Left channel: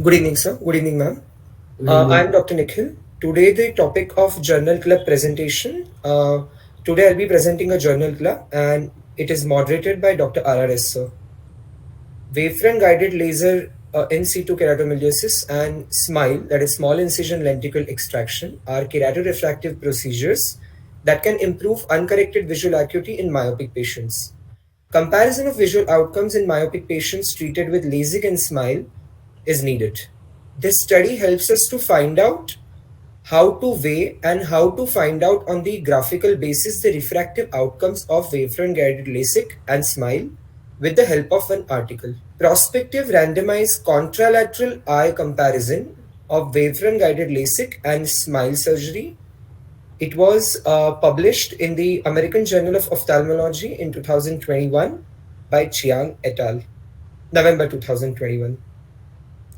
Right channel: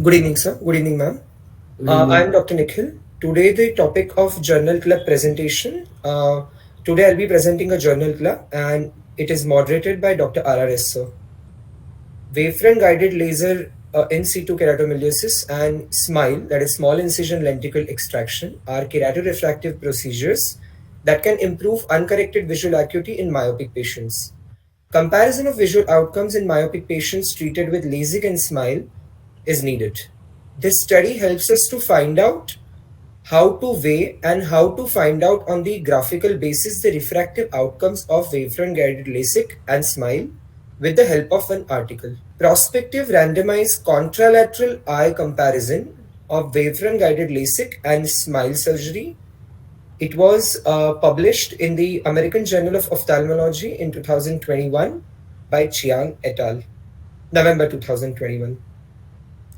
Good evening, sir. Good evening, ma'am. Good evening. I'm Dr. Nikhil. Today, the topic of journal club presentation. Today, I'll be presenting a journal club, and it is moderated by Dr. R R S, sir. Wavefront guided laser in situ keratomiliosis and SMILE, that is small incision lenticle extraction, are keratorefractive procedures that can improve uncorrected visual acuity in myopic patients. Comparison of visual outcomes in myopic patients treated with LASIK and SMILE is needed. This study helps us to find out how to weigh and how to find out on the graphical basis the refractive outcomes of wavefront guided LASIK and SMILE with the help of an article. Prospective randomized contralateral eye comparison of wavefront guided LASIK and SMILE surgery. It was published in the American Journal of Ophthalmology in 2021 by Chiang et al. November 2021.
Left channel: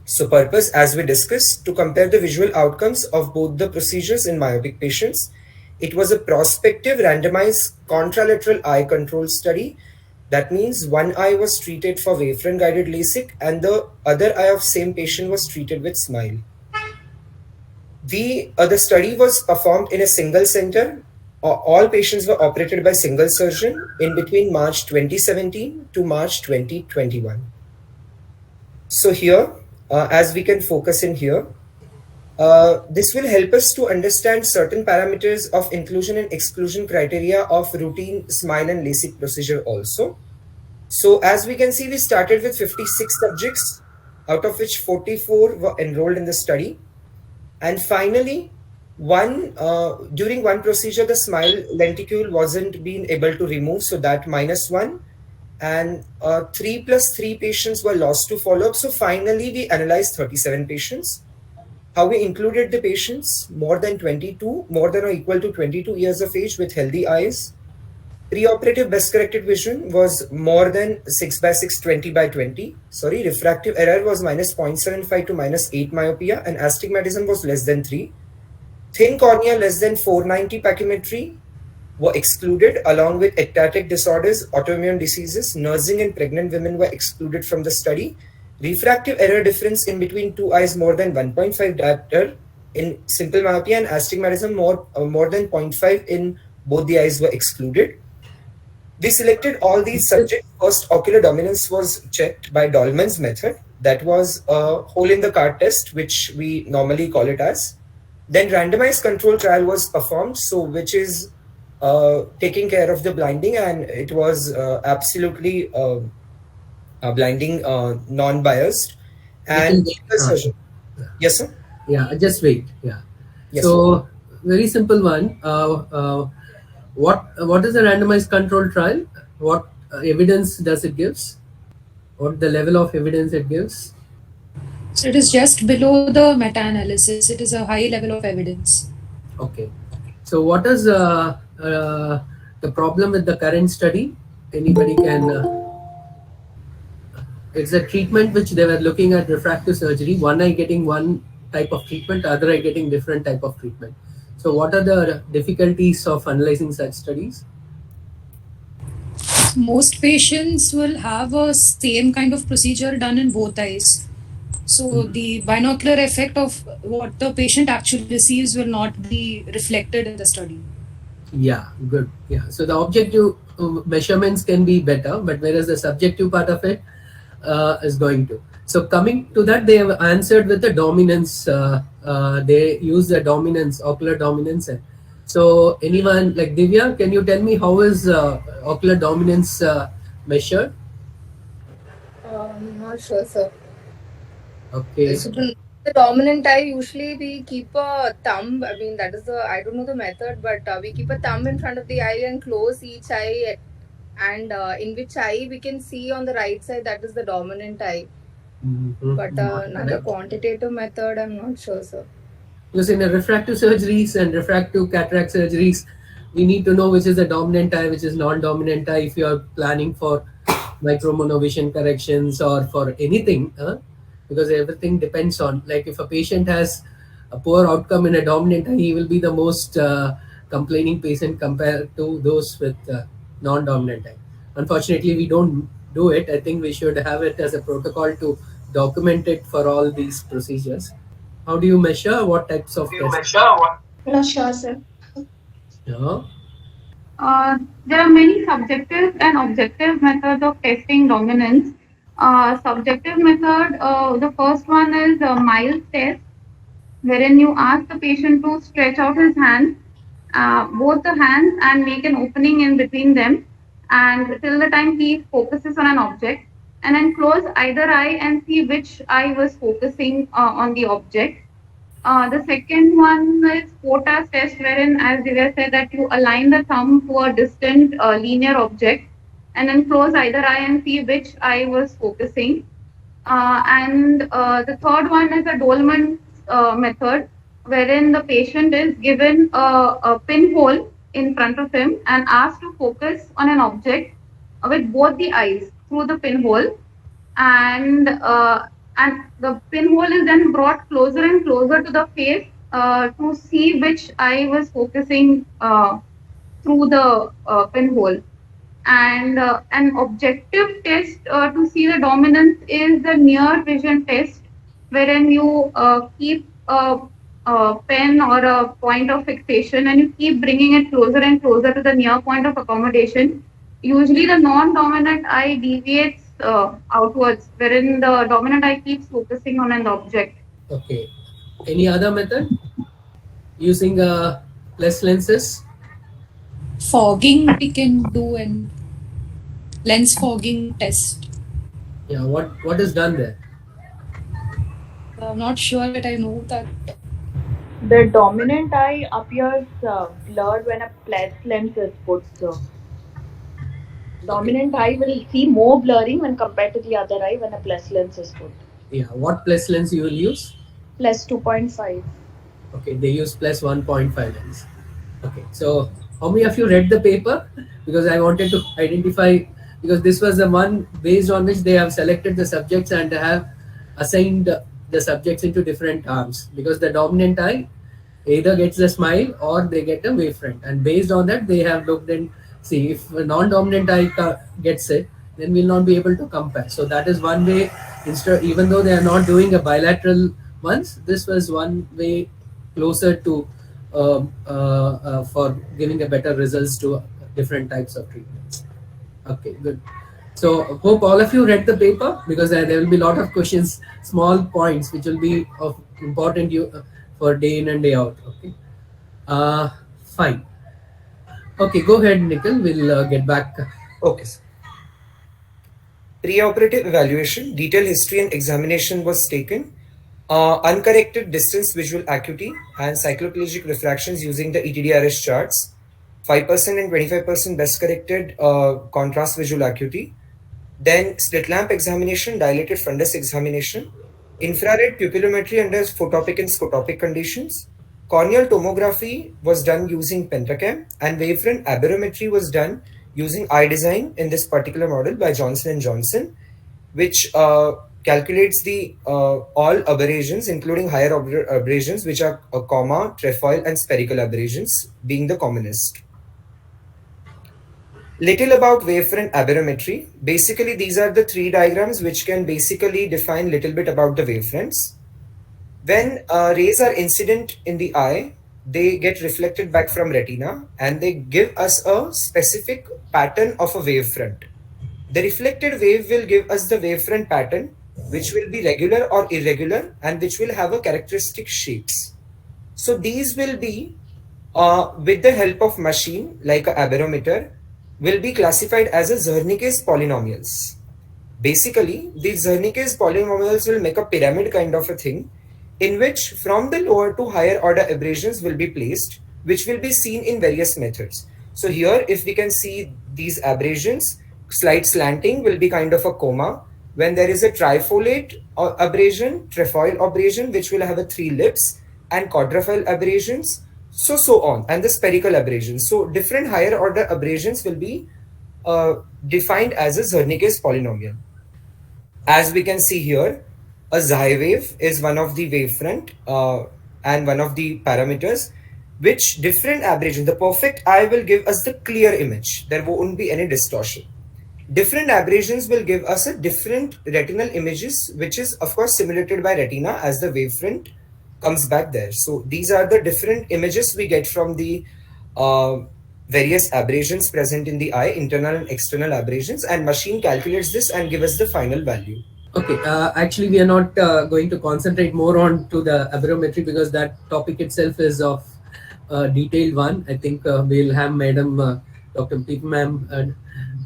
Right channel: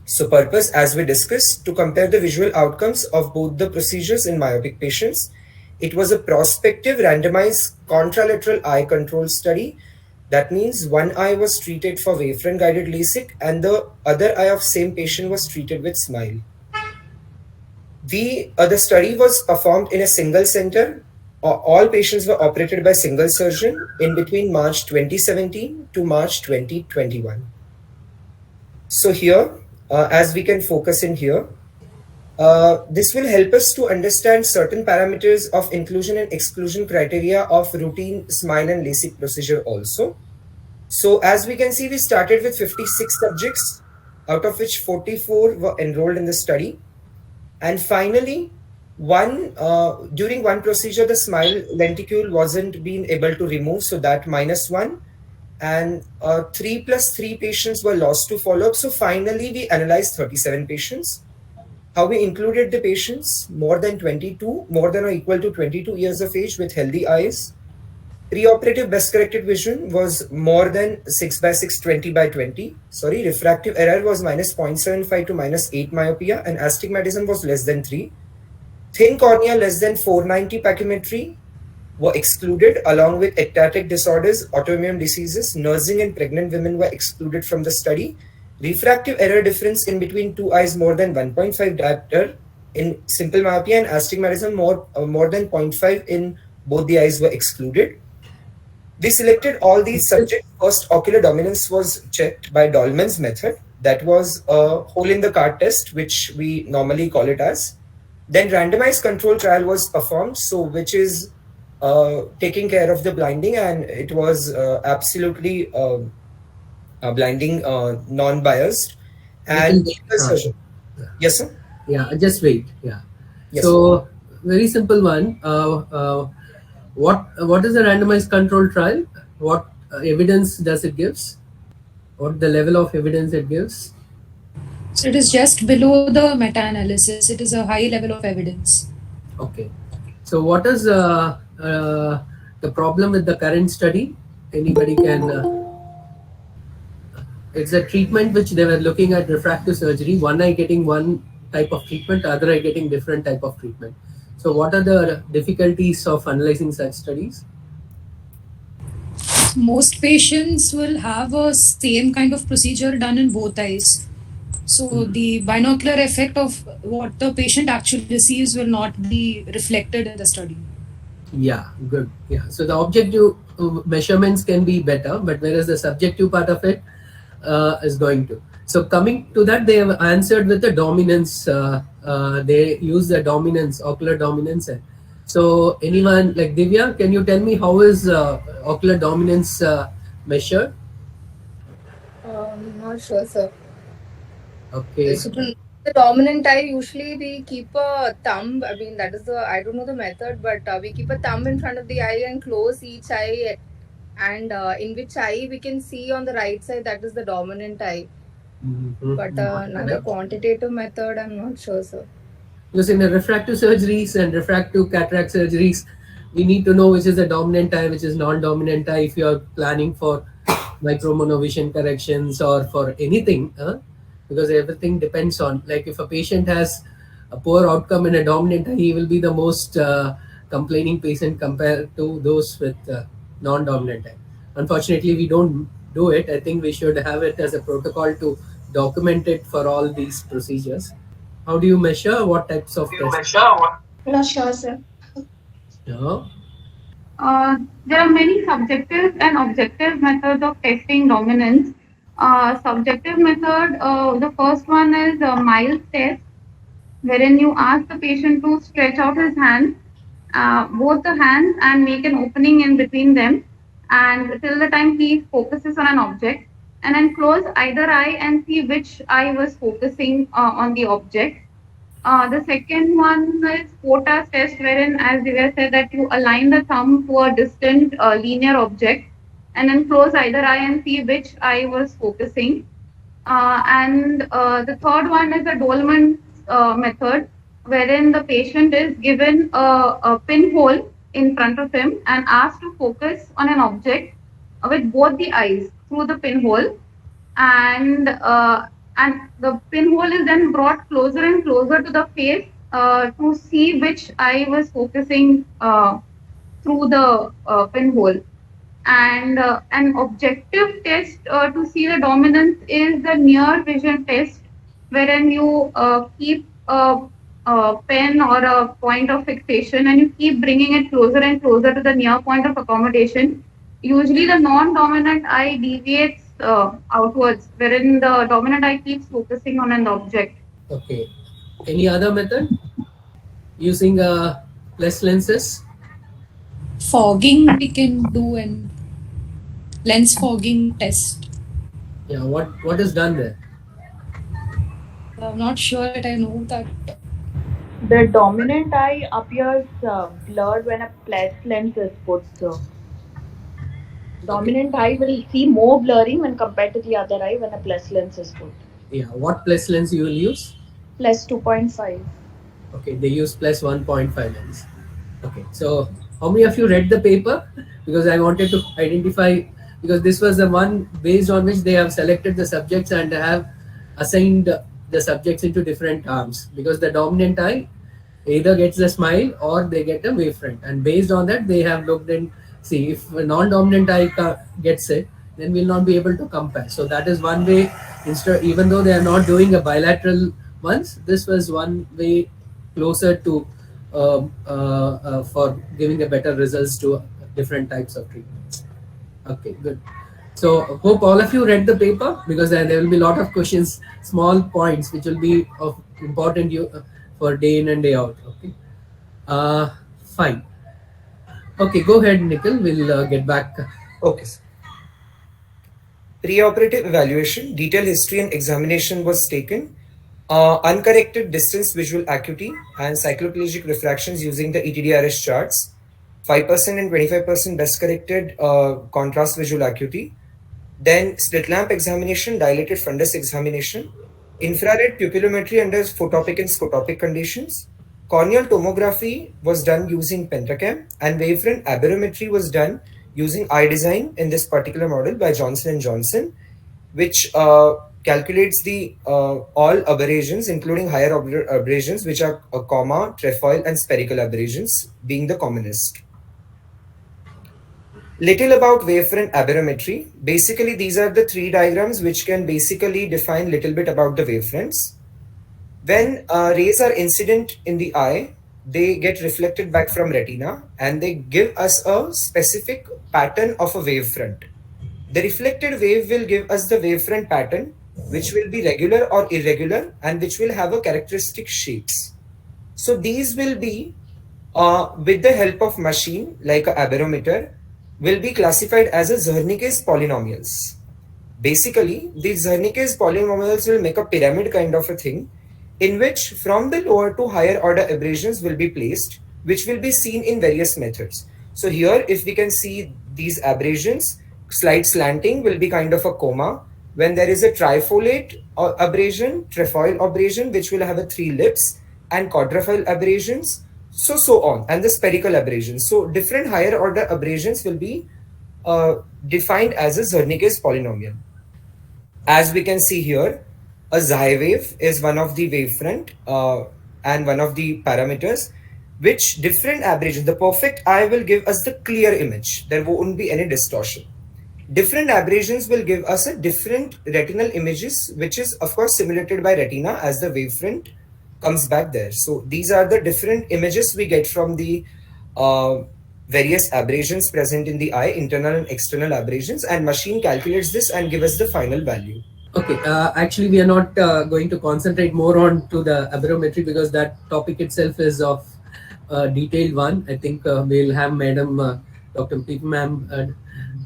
So purpose, as we discussed, to compare the visual outcomes of both the procedures in myopic patients. It was a prospective randomized contralateral eye control study. That means one eye was treated for wavefront guided LASIK and the other eye of same patient was treated with SMILE. The study was performed in a single center. All patients were operated by single surgeon in between March 2017 to March 2021. So here, as we can focus in here, this will help us to understand certain parameters of inclusion and exclusion criteria of routine SMILE and LASIK procedure also. So as we can see, we started with 56 subjects, out of which 44 were enrolled in the study. And finally, during one procedure, the SMILE lenticule wasn't being able to remove, so that -1. And 3+3 patients were lost to follow-up. So finally, we analyzed 37 patients. How we included the patients more than or equal to 22 years of age with healthy eyes. Preoperative best corrected vision was more than 6 by 6, 20 by 20. Sorry, refractive error was -0.75 to -8 myopia, and astigmatism was less than 3. Thin cornea less than 490 pachymetry were excluded, along with ectatic disorders, autoimmune diseases. Nursing and pregnant women were excluded from the study. Refractive error difference in between two eyes more than 1.5 diopter in simple myopia, and astigmatism more than 0.5 in both the eyes were excluded. We selected all these subjects. First, ocular dominance was checked by Dolman's method. That was a hole in the card test, which we normally call it as. Then randomized control trial was performed, so which is taking care of the blinding, and it was absolutely blinding, non-biased. And surgeon. Yes, sir. Yeah, just wait. Yeah. Yes, sir. So very simple one. What is a randomized control trial? What evidence does it gives? What the level of evidence it gives? So it is just below the meta-analysis. It is a high level of evidence. Okay. So what is the problem with the current study? Anybody can. It's a treatment which they were looking at refractive surgery. One eye getting one type of treatment, other eye getting different type of treatment. So what are the difficulties of analyzing such studies? Most patients will have a same kind of procedure done in both eyes. So the binocular effect of what the patient actually receives will not be reflected in the study. Yeah, good. Yeah. So the objective measurements can be better, but whereas the subjective part of it is going to. So coming to that, they have answered with the dominance. They use the dominance, ocular dominance. So anyone like Divya, can you tell me how is ocular dominance measured? Not sure, sir. Okay. So to know the dominant eye, usually we keep a thumb. I mean, that is I don't know the method, but we keep a thumb in front of the eye and close each eye, and in which eye we can see on the right side, that is the dominant eye. But another quantitative method, I'm not sure, sir. Because in the refractive surgeries and refractive cataract surgeries, we need to know which is the dominant eye, which is non-dominant eye if you are planning for micromonovision corrections or for anything, because everything depends on, like if a patient has a poor outcome in a dominant eye, he will be the most complaining patient compared to those with non-dominant eye. Unfortunately, we don't do it. I think we should have it as a protocol to document it for all these procedures. How do you measure? What types of tests? No, sure, sir. Yeah. There are many subjective and objective methods of testing dominance. Subjective method, the first one is a Miles test, wherein you ask the patient to stretch out his hands, both the hands, and make an opening in between them, and till the time he focuses on an object, and then close either eye and see which eye was focusing on the object. The second one is quotas test, wherein, as Divya said, that you align the thumb to a distant linear object and then close either eye and see which eye was focusing. And the third one is the Dolman method, wherein the patient is given a pinhole in front of him and asked to focus on an object with both the eyes through the pinhole, and the pinhole is then brought closer and closer to the face to see which eye was focusing through the pinhole. And an objective test to see the dominance is the near vision test, wherein you keep a pen or a point of fixation and you keep bringing it closer and closer to the near point of accommodation. Usually the non-dominant eye deviates outwards, wherein the dominant eye keeps focusing on an object. Okay. Any other method? Using less lenses? Fogging we can do, and lens fogging test. Yeah. What is done there? I'm not sure that I know that. The dominant eye appears blurred when a plus lens is put. So, dominant eye will see more blurring when compared to the other eye when a plus lens is put. Yeah. What plus lens you will use? Plus 2.5. Okay. They use plus 1.5 lens. Okay. So how many of you read the paper? Because I wanted to identify, because this was the one based on which they have selected the subjects and have assigned the subjects into different arms, because the dominant eye either gets the SMILE or they get a Wavefront, and based on that they have looked and see if a non-dominant eye gets it, then we'll not be able to compare. So that is one way. Instead, even though they are not doing a bilateral ones, this was one way closer to for giving a better results to different types of treatments. Okay, good. So hope all of you read the paper, because there will be a lot of questions, small points which will be of important for day in and day out. Okay, fine. Okay, go ahead, Nikhil. We'll get back. Okay, sir. Preoperative evaluation, detailed history and examination was taken. Uncorrected distance visual acuity and cycloplegic refractions using the ETDRS charts. 5% and 25% best corrected contrast visual acuity. Then slit lamp examination, dilated fundus examination, infrared pupillometry under photopic and scotopic conditions. Corneal tomography was done using pentacam, and wavefront aberrometry was done using eye design in this particular model by Johnson & Johnson, which calculates the all aberrations, including higher aberrations, which are comma, trefoil, and spherical aberrations being the commonest. Little about wavefront aberrometry. Basically, these are the three diagrams which can basically define little bit about the wavefronts. When rays are incident in the eye, they get reflected back from retina and they give us a specific pattern of a wavefront. The reflected wave will give us the wavefront pattern, which will be regular or irregular and which will have a characteristic shapes. So these will be, with the help of machine like a aberrometer, will be classified as a Zernicke's polynomials. Basically, these Zernicke's polynomials will make a pyramid kind of a thing, in which from the lower to higher order aberrations will be placed, which will be seen in various methods. So here, if we can see these aberrations, slight slanting will be kind of a coma. When there is a trifolate aberration, trefoil aberration, which will have a 3 lips, and quadrifoil aberrations, so on, and the spherical aberrations. So different higher order aberrations will be defined as a Zernicke's polynomial. As we can see here, a Xi wave is one of the wavefront and one of the parameters, which different aberrations, the perfect eye will give us the clear image. There won't be any distortion. Different aberrations will give us a different retinal images, which is of course simulated by retina as the wavefront comes back there. So these are the different images we get from the uh, various aberrations present in the eye, internal and external aberrations, and machine calculates this and give us the final value. Okay, actually we are not going to concentrate more on to the aberrometry because that topic itself is of detailed one. I think we'll have Madam Dr. P ma'am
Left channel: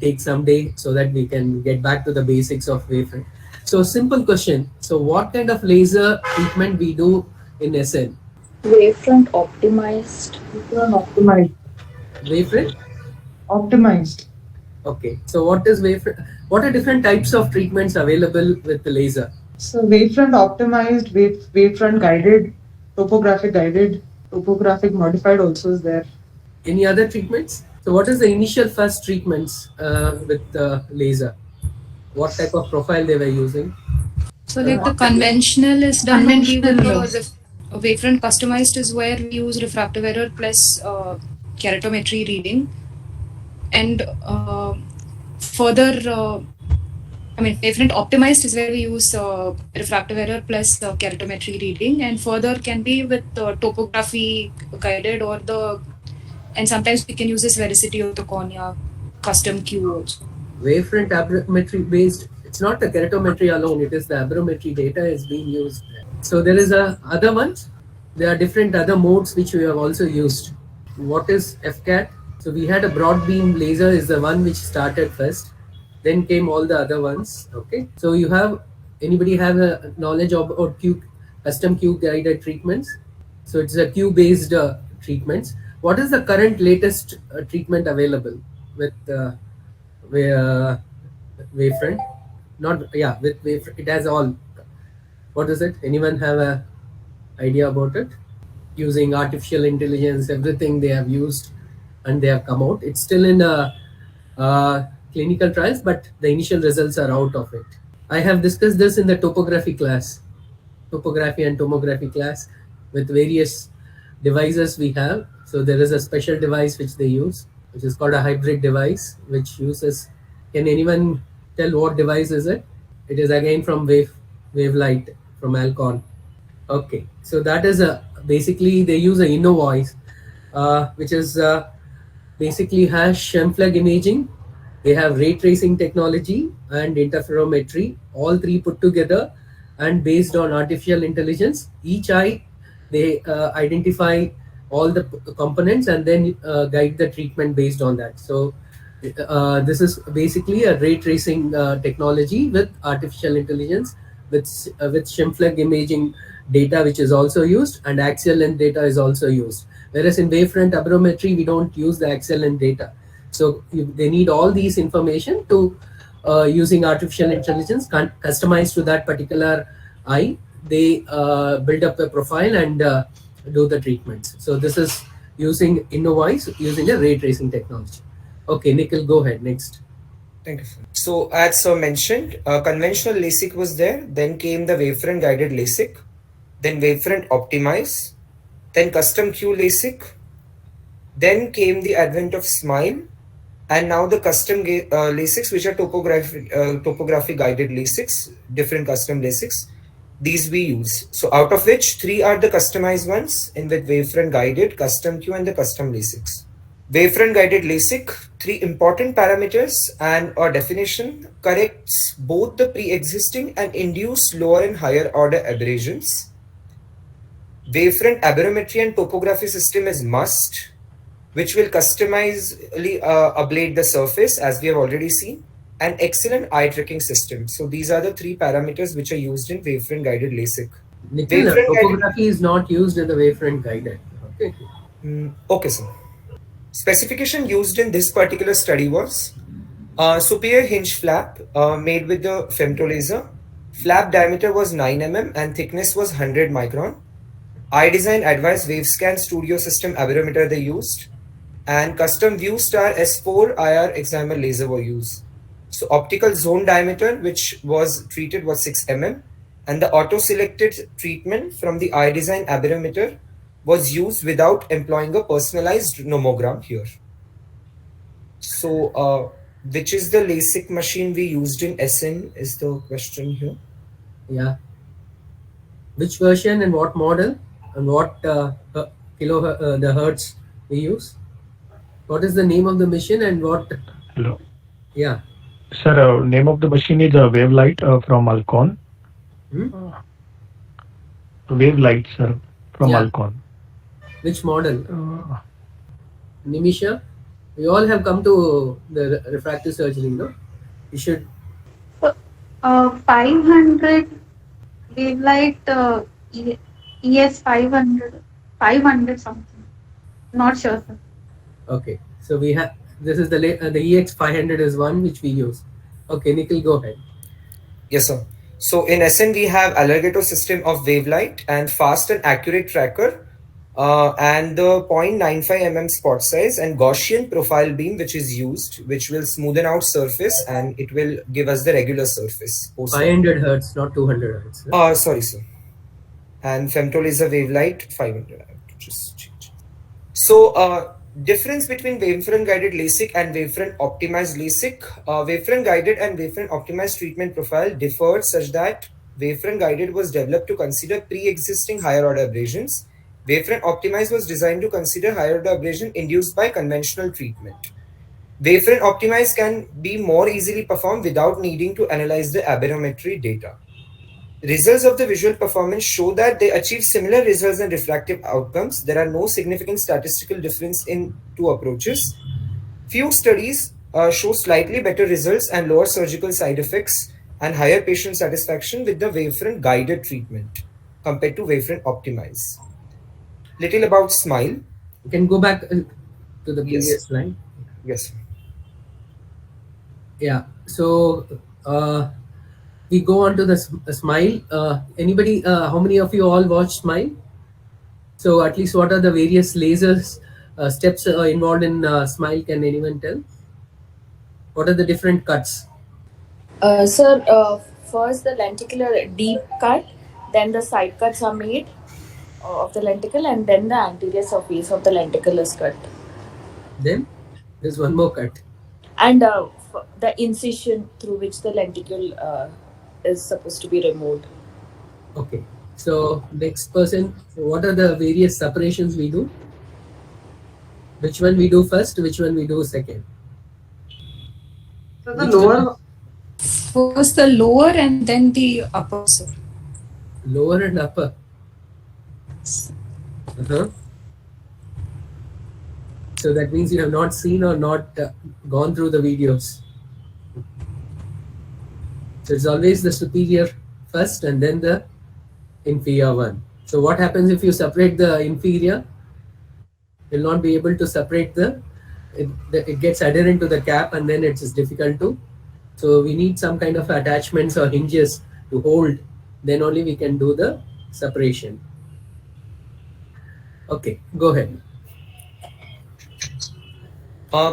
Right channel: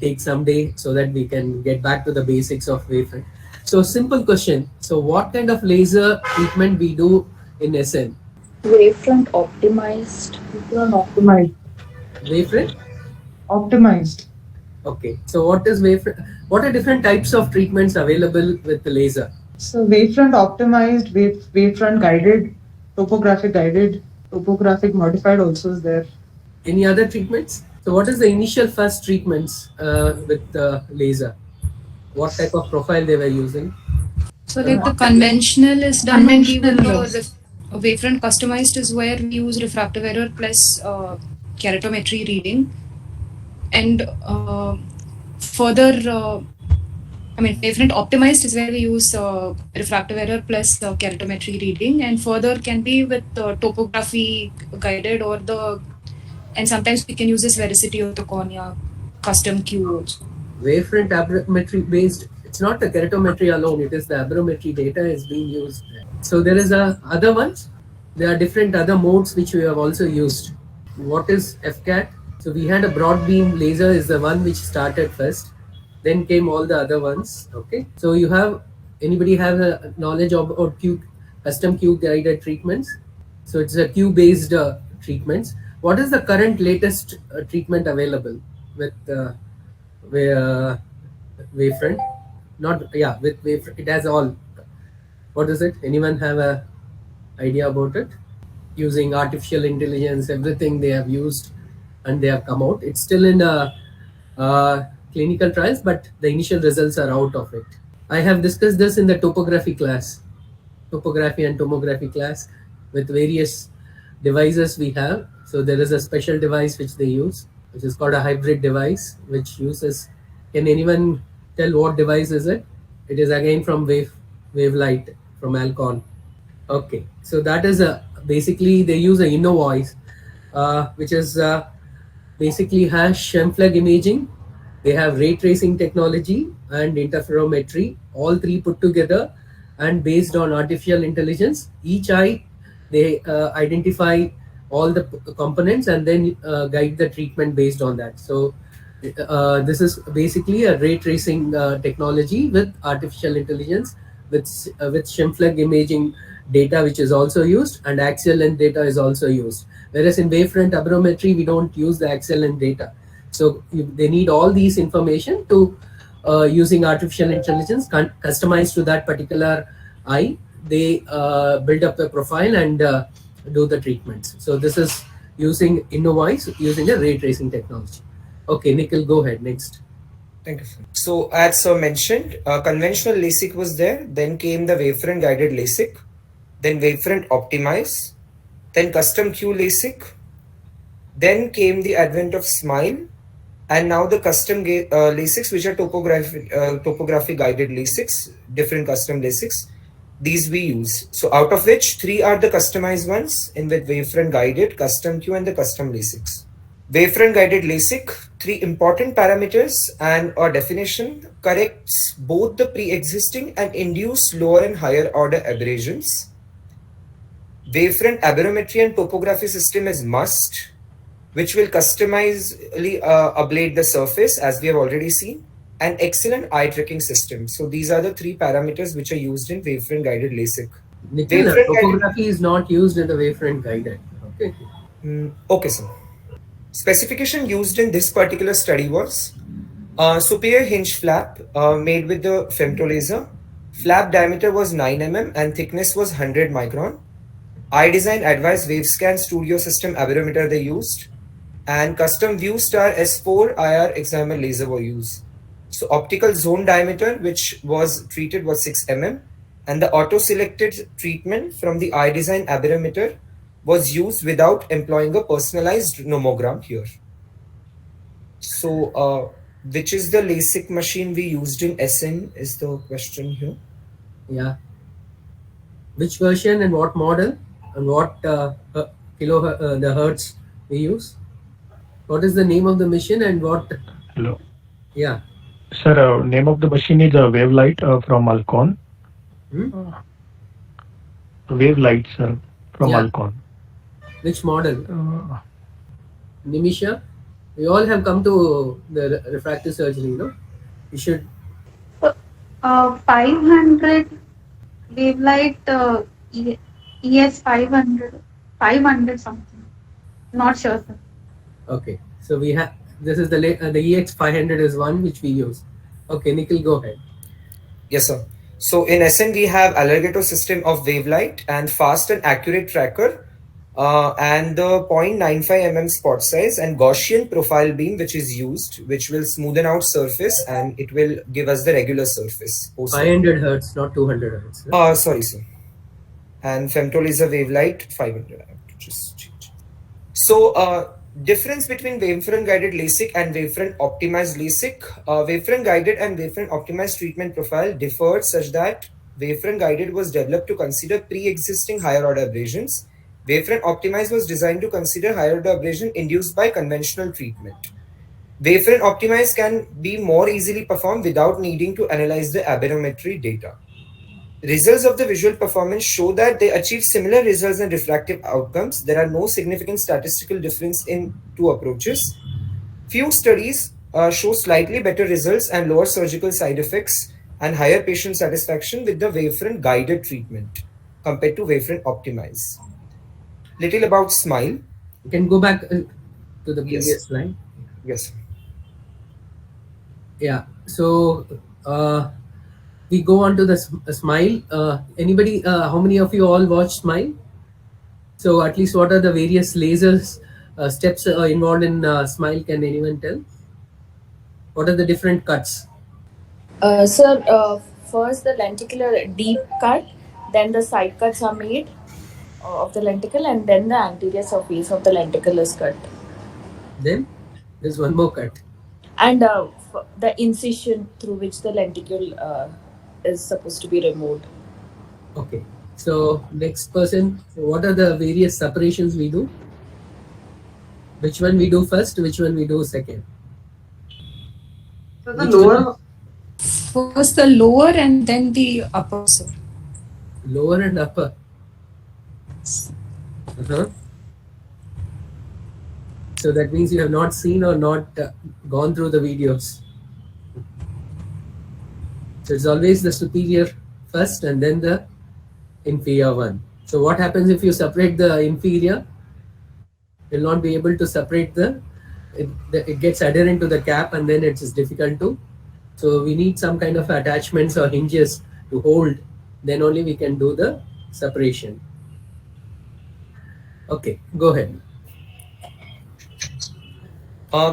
take some day so that we can get back to the basics of wavefront. So simple question. So what kind of laser treatment we do in SN? Wavefront optimized. Wavefront? Optimized. Okay. So what is wavefront? What are different types of treatments available with the laser? So wavefront optimized, wavefront guided, topographic modified also is there. Any other treatments? So what is the initial first treatments with the laser? What type of profile they were using? So like the conventional is done only with the wavefront customized is where we use refractive error plus keratometry reading. And further, wavefront optimized is where we use refractive error plus keratometry reading, and further can be with topography guided and sometimes we can use this veracity of the cornea custom Q also. Wavefront aberrometry based, it's not the keratometry alone, it is the aberrometry data is being used. So there is other ones. There are different other modes which we have also used. What is FCAT? So we had a broad beam laser is the one which started first. Then came all the other ones. Okay. So anybody have a knowledge of custom Q guided treatments? So it's a Q based treatments. What is the current latest treatment available with wavefront? With wavefront. It has all. What is it? Anyone have a idea about it? Using artificial intelligence, everything they have used and they have come out. It's still in clinical trials, but the initial results are out of it. I have discussed this in the topography and tomography class with various devices we have. So there is a special device which they use, which is called a hybrid device, which uses. Can anyone tell what device is it? It is again from Wavelight from Alcon. Okay, so that is basically they use a InnoVoice, which is basically has Schemfleg imaging. They have ray tracing technology and interferometry, all three put together, and based on artificial intelligence, each eye they identify all the components and then guide the treatment based on that. So this is basically a ray tracing technology with artificial intelligence with Schemfleg imaging data, which is also used, and axial length data is also used. Whereas in wavefront aberrometry, we don't use the axial length data. So they need all these information to using artificial intelligence customized to that particular eye. They build up a profile and do the treatments. So this is using InnoVoice, using a ray tracing technology. Okay, Nikhil, go ahead. Next. Thank you, sir. So as sir mentioned, conventional LASIK was there. Then came the wavefront guided LASIK. Then wavefront optimize. Then custom Q LASIK. Then came the advent of SMILE. And now the custom LASIKs, which are topography guided LASIKs, different custom LASIKs. These we use. So out of which 3 are the customized ones in with wavefront guided, custom Q and the custom LASIKs. Wavefront guided LASIK, 3 important parameters and a definition corrects both the pre-existing and induced lower and higher order aberrations. Wavefront aberrometry and topography system is must, which will customizedly ablate the surface as we have already seen, and excellent eye tracking system. So these are the 3 parameters which are used in wavefront guided LASIK. Nikhil, topography is not used in the wavefront guided. Okay. Okay, sir. Specification used in this particular study was superior hinge flap made with the femto laser. Flap diameter was 9 mm and thickness was 100 micron. Eye design advised Wavescan Studio System aberrometer they used, and custom View Star S4 IR excimer laser were used. So optical zone diameter which was treated was 6 mm, and the auto selected treatment from the eye design aberrometer was used without employing a personalized nomogram here. So which is the LASIK machine we used in SN is the question here. Yeah. Which version and what model and what the hertz we use? What is the name of the machine and what? Hello. Yeah. Sir, name of the machine is Wavelight from Alcon. Wavelight, sir, from Yeah. Alcon. Which model? Nimisha? We all have come to the refractive surgery, no? You should. 500 Wavelight ES 500 something. Not sure, sir. Okay. So we have, this is the EX 500 is one which we use. Okay, Nikhil, go ahead. Yes, sir. So in SN we have Alligator system of Wavelight and fast and accurate tracker, and the 0.95 mm spot size and Gaussian profile beam which is used, which will smoothen out surface and it will give us the regular surface. 500 hertz, not 200 hertz. No? Sorry, sir. And femtolaser Wavelight 500. I have to just change. So difference between Wavefront guided LASIK and Wavefront optimized LASIK. Wavefront guided and Wavefront optimized treatment profile differed such that Wavefront guided was developed to consider pre-existing higher order abrasions. Wavefront optimized was designed to consider higher order abrasion induced by conventional treatment. Wavefront optimized can be more easily performed without needing to analyze the aberrometry data. Results of the visual performance show that they achieve similar results and refractive outcomes. There are no significant statistical difference in two approaches. Few studies show slightly better results and lower surgical side effects and higher patient satisfaction with the Wavefront guided treatment compared to Wavefront optimized. Little about SMILE. You can go back to the previous slide. Yes. Yeah. So we go on to the SMILE. Anybody? How many of you all watch SMILE? So at least what are the various lasers steps involved in SMILE? Can anyone tell? What are the different cuts? Sir, first the lenticular deep cut, then the side cuts are made of the lenticle, and then the anterior surface of the lenticle is cut. Then there's one more cut. And the incision through which the lenticle is supposed to be removed. Okay. So next person, what are the various separations we do? Which one we do first? Which one we do second? So the lower. First the lower and then the upper, sir. Lower and upper. So that means you have not seen or not gone through the videos. So it's always the superior first and then the inferior one. So what happens if you separate the inferior? You'll not be able to separate it gets adherent to the cap and then it's difficult to. So we need some kind of attachments or hinges to hold. Then only we can do the separation. Okay, go ahead.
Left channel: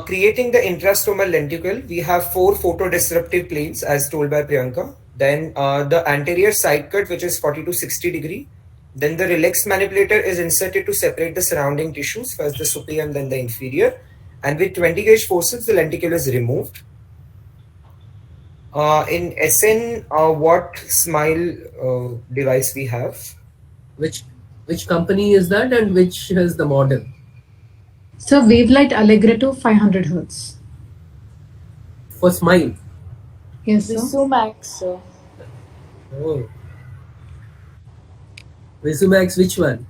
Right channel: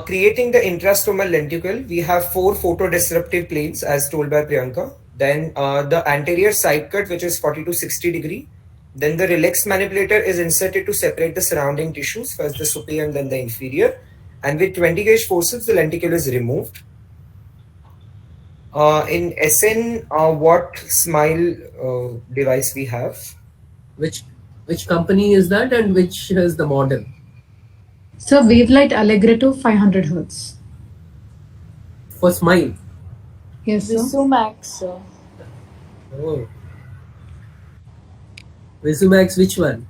Creating the intrastomal lenticle, we have 4 photodisruptive planes as told by Priyanka. Then the anterior side cut, which is 40 to 60 degree. Then the relaxed manipulator is inserted to separate the surrounding tissues, first the superior and then the inferior. And with 20 gauge forceps, the lenticle is removed. In SN, what SMILE device we have? Which company is that and which is the model? So Wavelight Alligator 500 hertz. For SMILE? Yes, sir. Visumax, sir. Oh. Visumax, which one?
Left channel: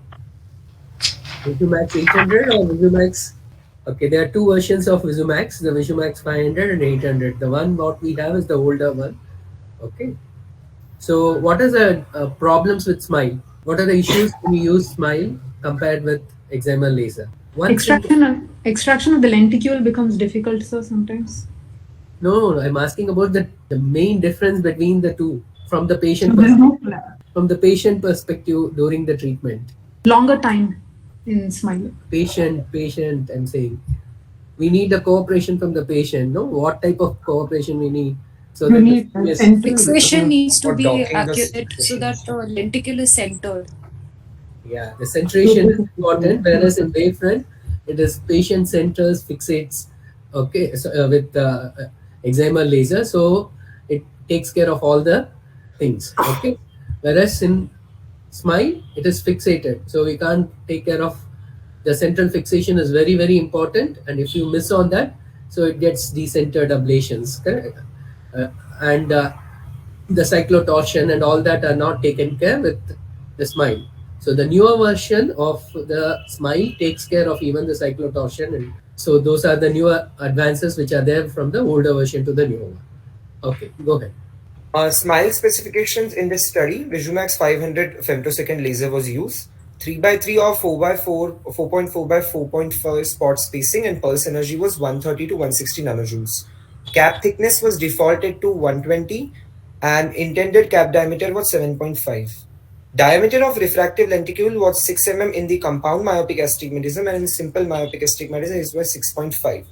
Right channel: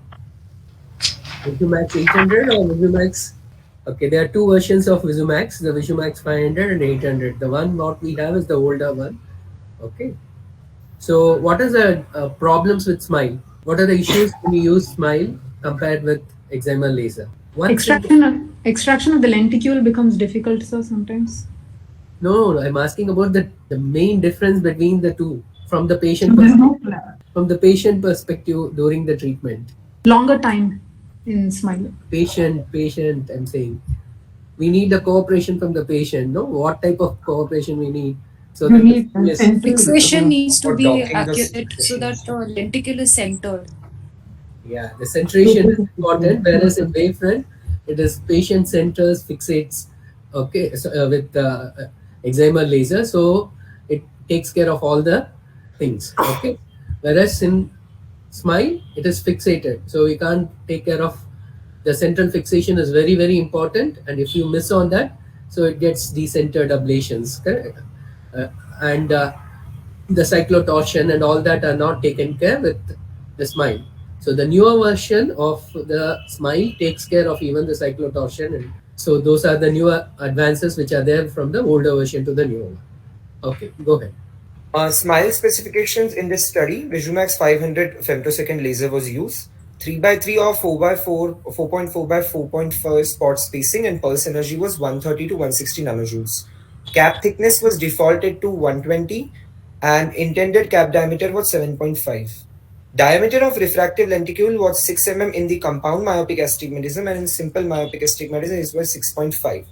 Visumax 800 or Visumax? Okay, there are two versions of Visumax, the Visumax 500 and 800. The one what we have is the older one. Okay. So what are the problems with SMILE? What are the issues when you use SMILE compared with excimer laser? Extraction of the lenticule becomes difficult, sir, sometimes. No, I'm asking about the main difference between the two from the patient perspective during the treatment. Longer time in SMILE. Patient, I'm saying. We need a cooperation from the patient, no? What type of cooperation we need? So the fixation needs to be accurate so that the lenticle is centered. Yeah, the centration is important, whereas in Wavefront, it is patient centers, fixates, okay, so with excimer laser, so it takes care of all the things. Okay, whereas in SMILE it is fixated, so we can't take care of the central fixation is very very important, and if you miss on that, so it gets decentered ablations, correct? uh, and the cyclotorsion and all that are not taken care with the SMILE. So the newer version of the SMILE takes care of even the cyclotorsion, and so those are the newer advances which are there from the older version to the newer one. Okay, go ahead. SMILE specifications in this study, Visumax 500 femtosecond laser was used. 3x3 or 4x4, 4.4x4.4 spot spacing, and pulse energy was 130 to 160 nanojoules. Cap thickness was defaulted to 120, and intended cap diameter was 7.5. Diameter of refractive lenticule was 6 mm in the compound myopic astigmatism, and in simple myopic astigmatism it was 6.5.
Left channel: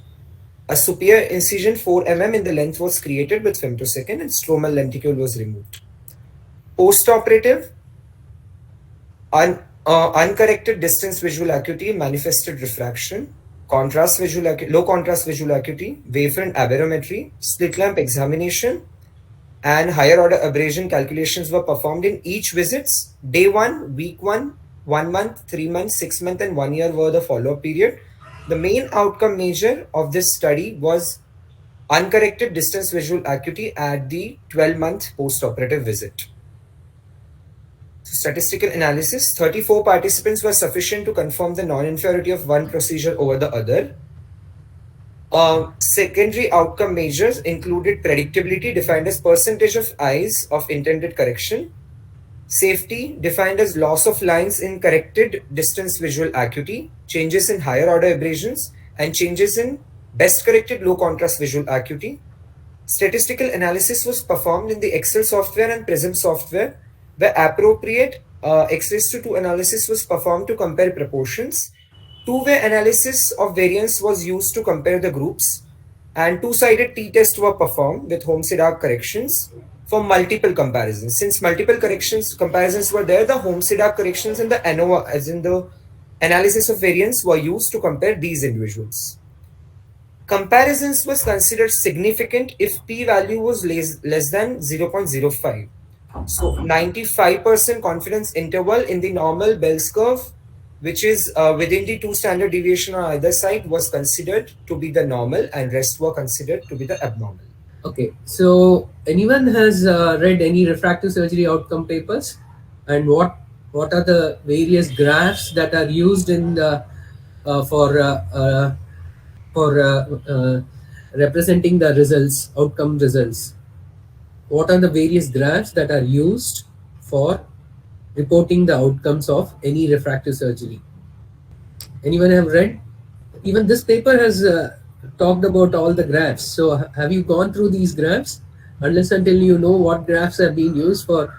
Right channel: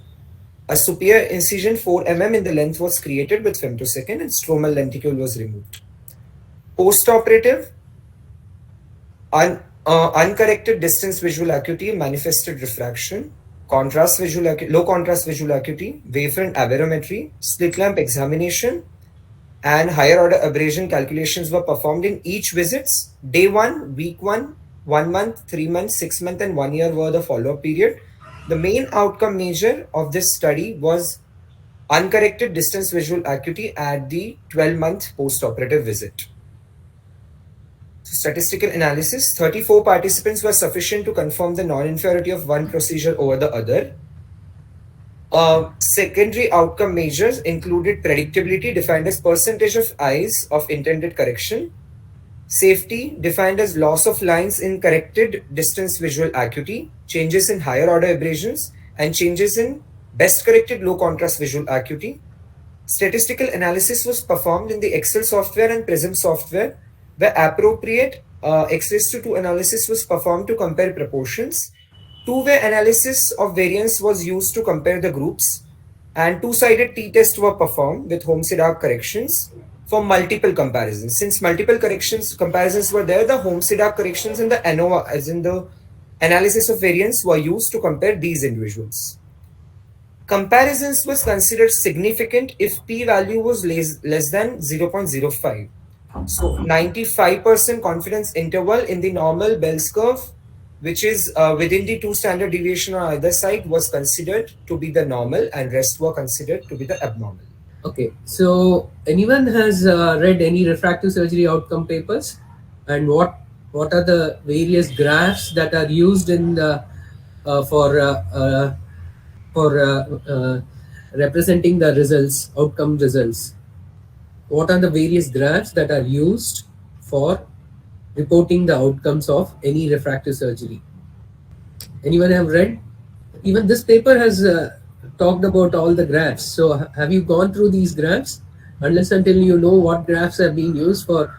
A superior incision 4 mm in the length was created with femtosecond, and stromal lenticule was removed. Postoperative, uncorrected distance visual acuity manifested refraction, low contrast visual acuity, wavefront aberrometry, slit lamp examination, and higher order abrasion calculations were performed in each visits. Day 1, week 1, 1 month, 3 months, 6 months, and 1 year were the follow-up period. The main outcome measure of this study was uncorrected distance visual acuity at the 12-month post-operative visit. So, statistical analysis, 34 participants were sufficient to confirm the non-inferiority of one procedure over the other. Secondary outcome measures included predictability, defined as percentage of eyes of intended correction, safety, defined as loss of lines in corrected distance visual acuity, changes in higher order abrasions, and changes in best corrected low contrast visual acuity. Statistical analysis was performed in the Excel software and Prism software, where appropriate X-2 analysis was performed to compare proportions. Two-way analysis of variance was used to compare the groups, and two-sided t-tests were performed with Homsey-Dark corrections for multiple comparisons. Since multiple comparisons were there, the Homsey-Dark corrections and the ANOVA, as in the analysis of variance, were used to compare these individuals. Comparisons was considered significant if p-value was less than 0.05. So 95% confidence interval in the normal Bell's curve, which is within the 2 standard deviation on either side, was considered to be the normal, and rest were considered to be the abnormal. Okay, so anyone has read any refractive surgery outcome papers, and what are the various graphs that are used in the for representing the results, outcome results? What are the various graphs that are used for reporting the outcomes of any refractive surgery? Anyone have read? Even this paper has talked about all the graphs. So have you gone through these graphs? Unless until you know what graphs are being used for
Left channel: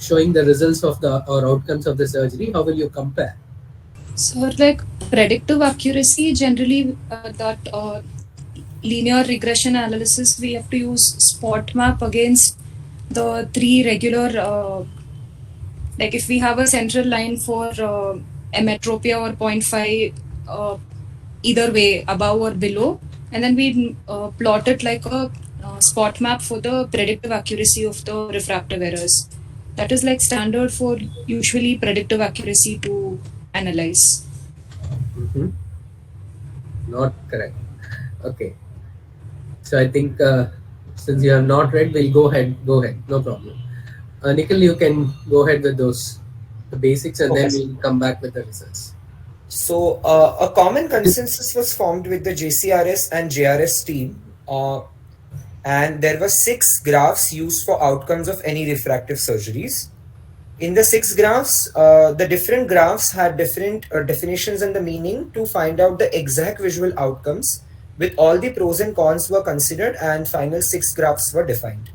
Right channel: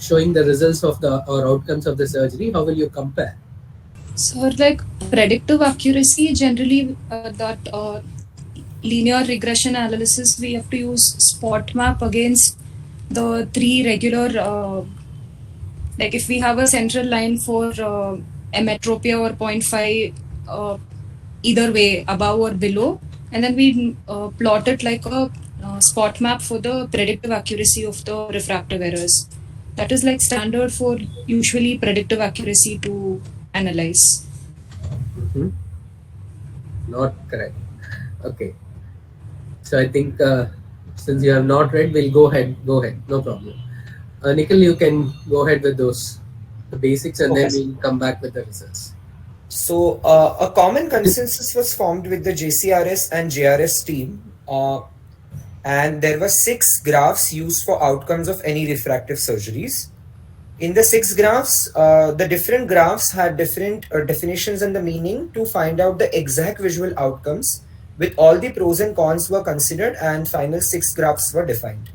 showing the results of the or outcomes of the surgery, how will you compare? So, like predictive accuracy, generally that linear regression analysis, we have to use spot map against the 3 regular, like if we have a central line for emetropia or 0.5 either way, above or below, and then we plot it like a spot map for the predictive accuracy of the refractive errors. That is like standard for usually predictive accuracy to analyze. Not correct. Okay. So I think since you have not read, we'll go ahead. No problem. Nikhil, you can go ahead with the basics, and then we'll come back with the results. So a common consensus was formed with the JCRS and JRS team, and there were 6 graphs used for outcomes of any refractive surgeries. In the 6 graphs, the different graphs had different definitions and the meaning to find out the exact visual outcomes, with all the pros and cons were considered, and final 6 graphs were defined.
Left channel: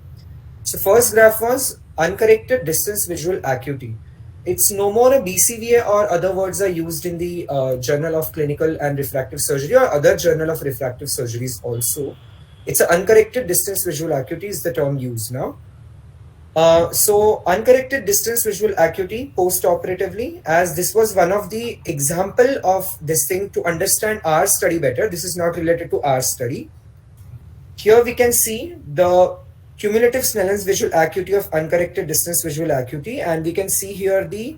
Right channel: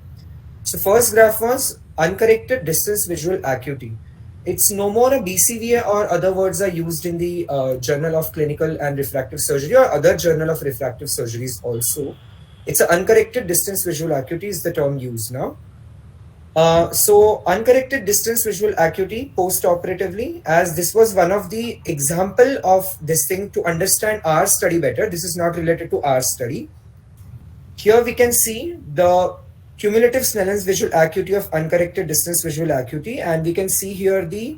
So first graph was uncorrected distance visual acuity. It's no more a BCVA, or other words are used in the Journal of Clinical and Refractive Surgery or other journal of refractive surgeries also. It's an uncorrected distance visual acuity is the term used now. So uncorrected distance visual acuity post-operatively, as this was one of the example of this thing to understand our study better. This is not related to our study. Here we can see the cumulative Snellen's visual acuity of uncorrected distance visual acuity, and we can see here the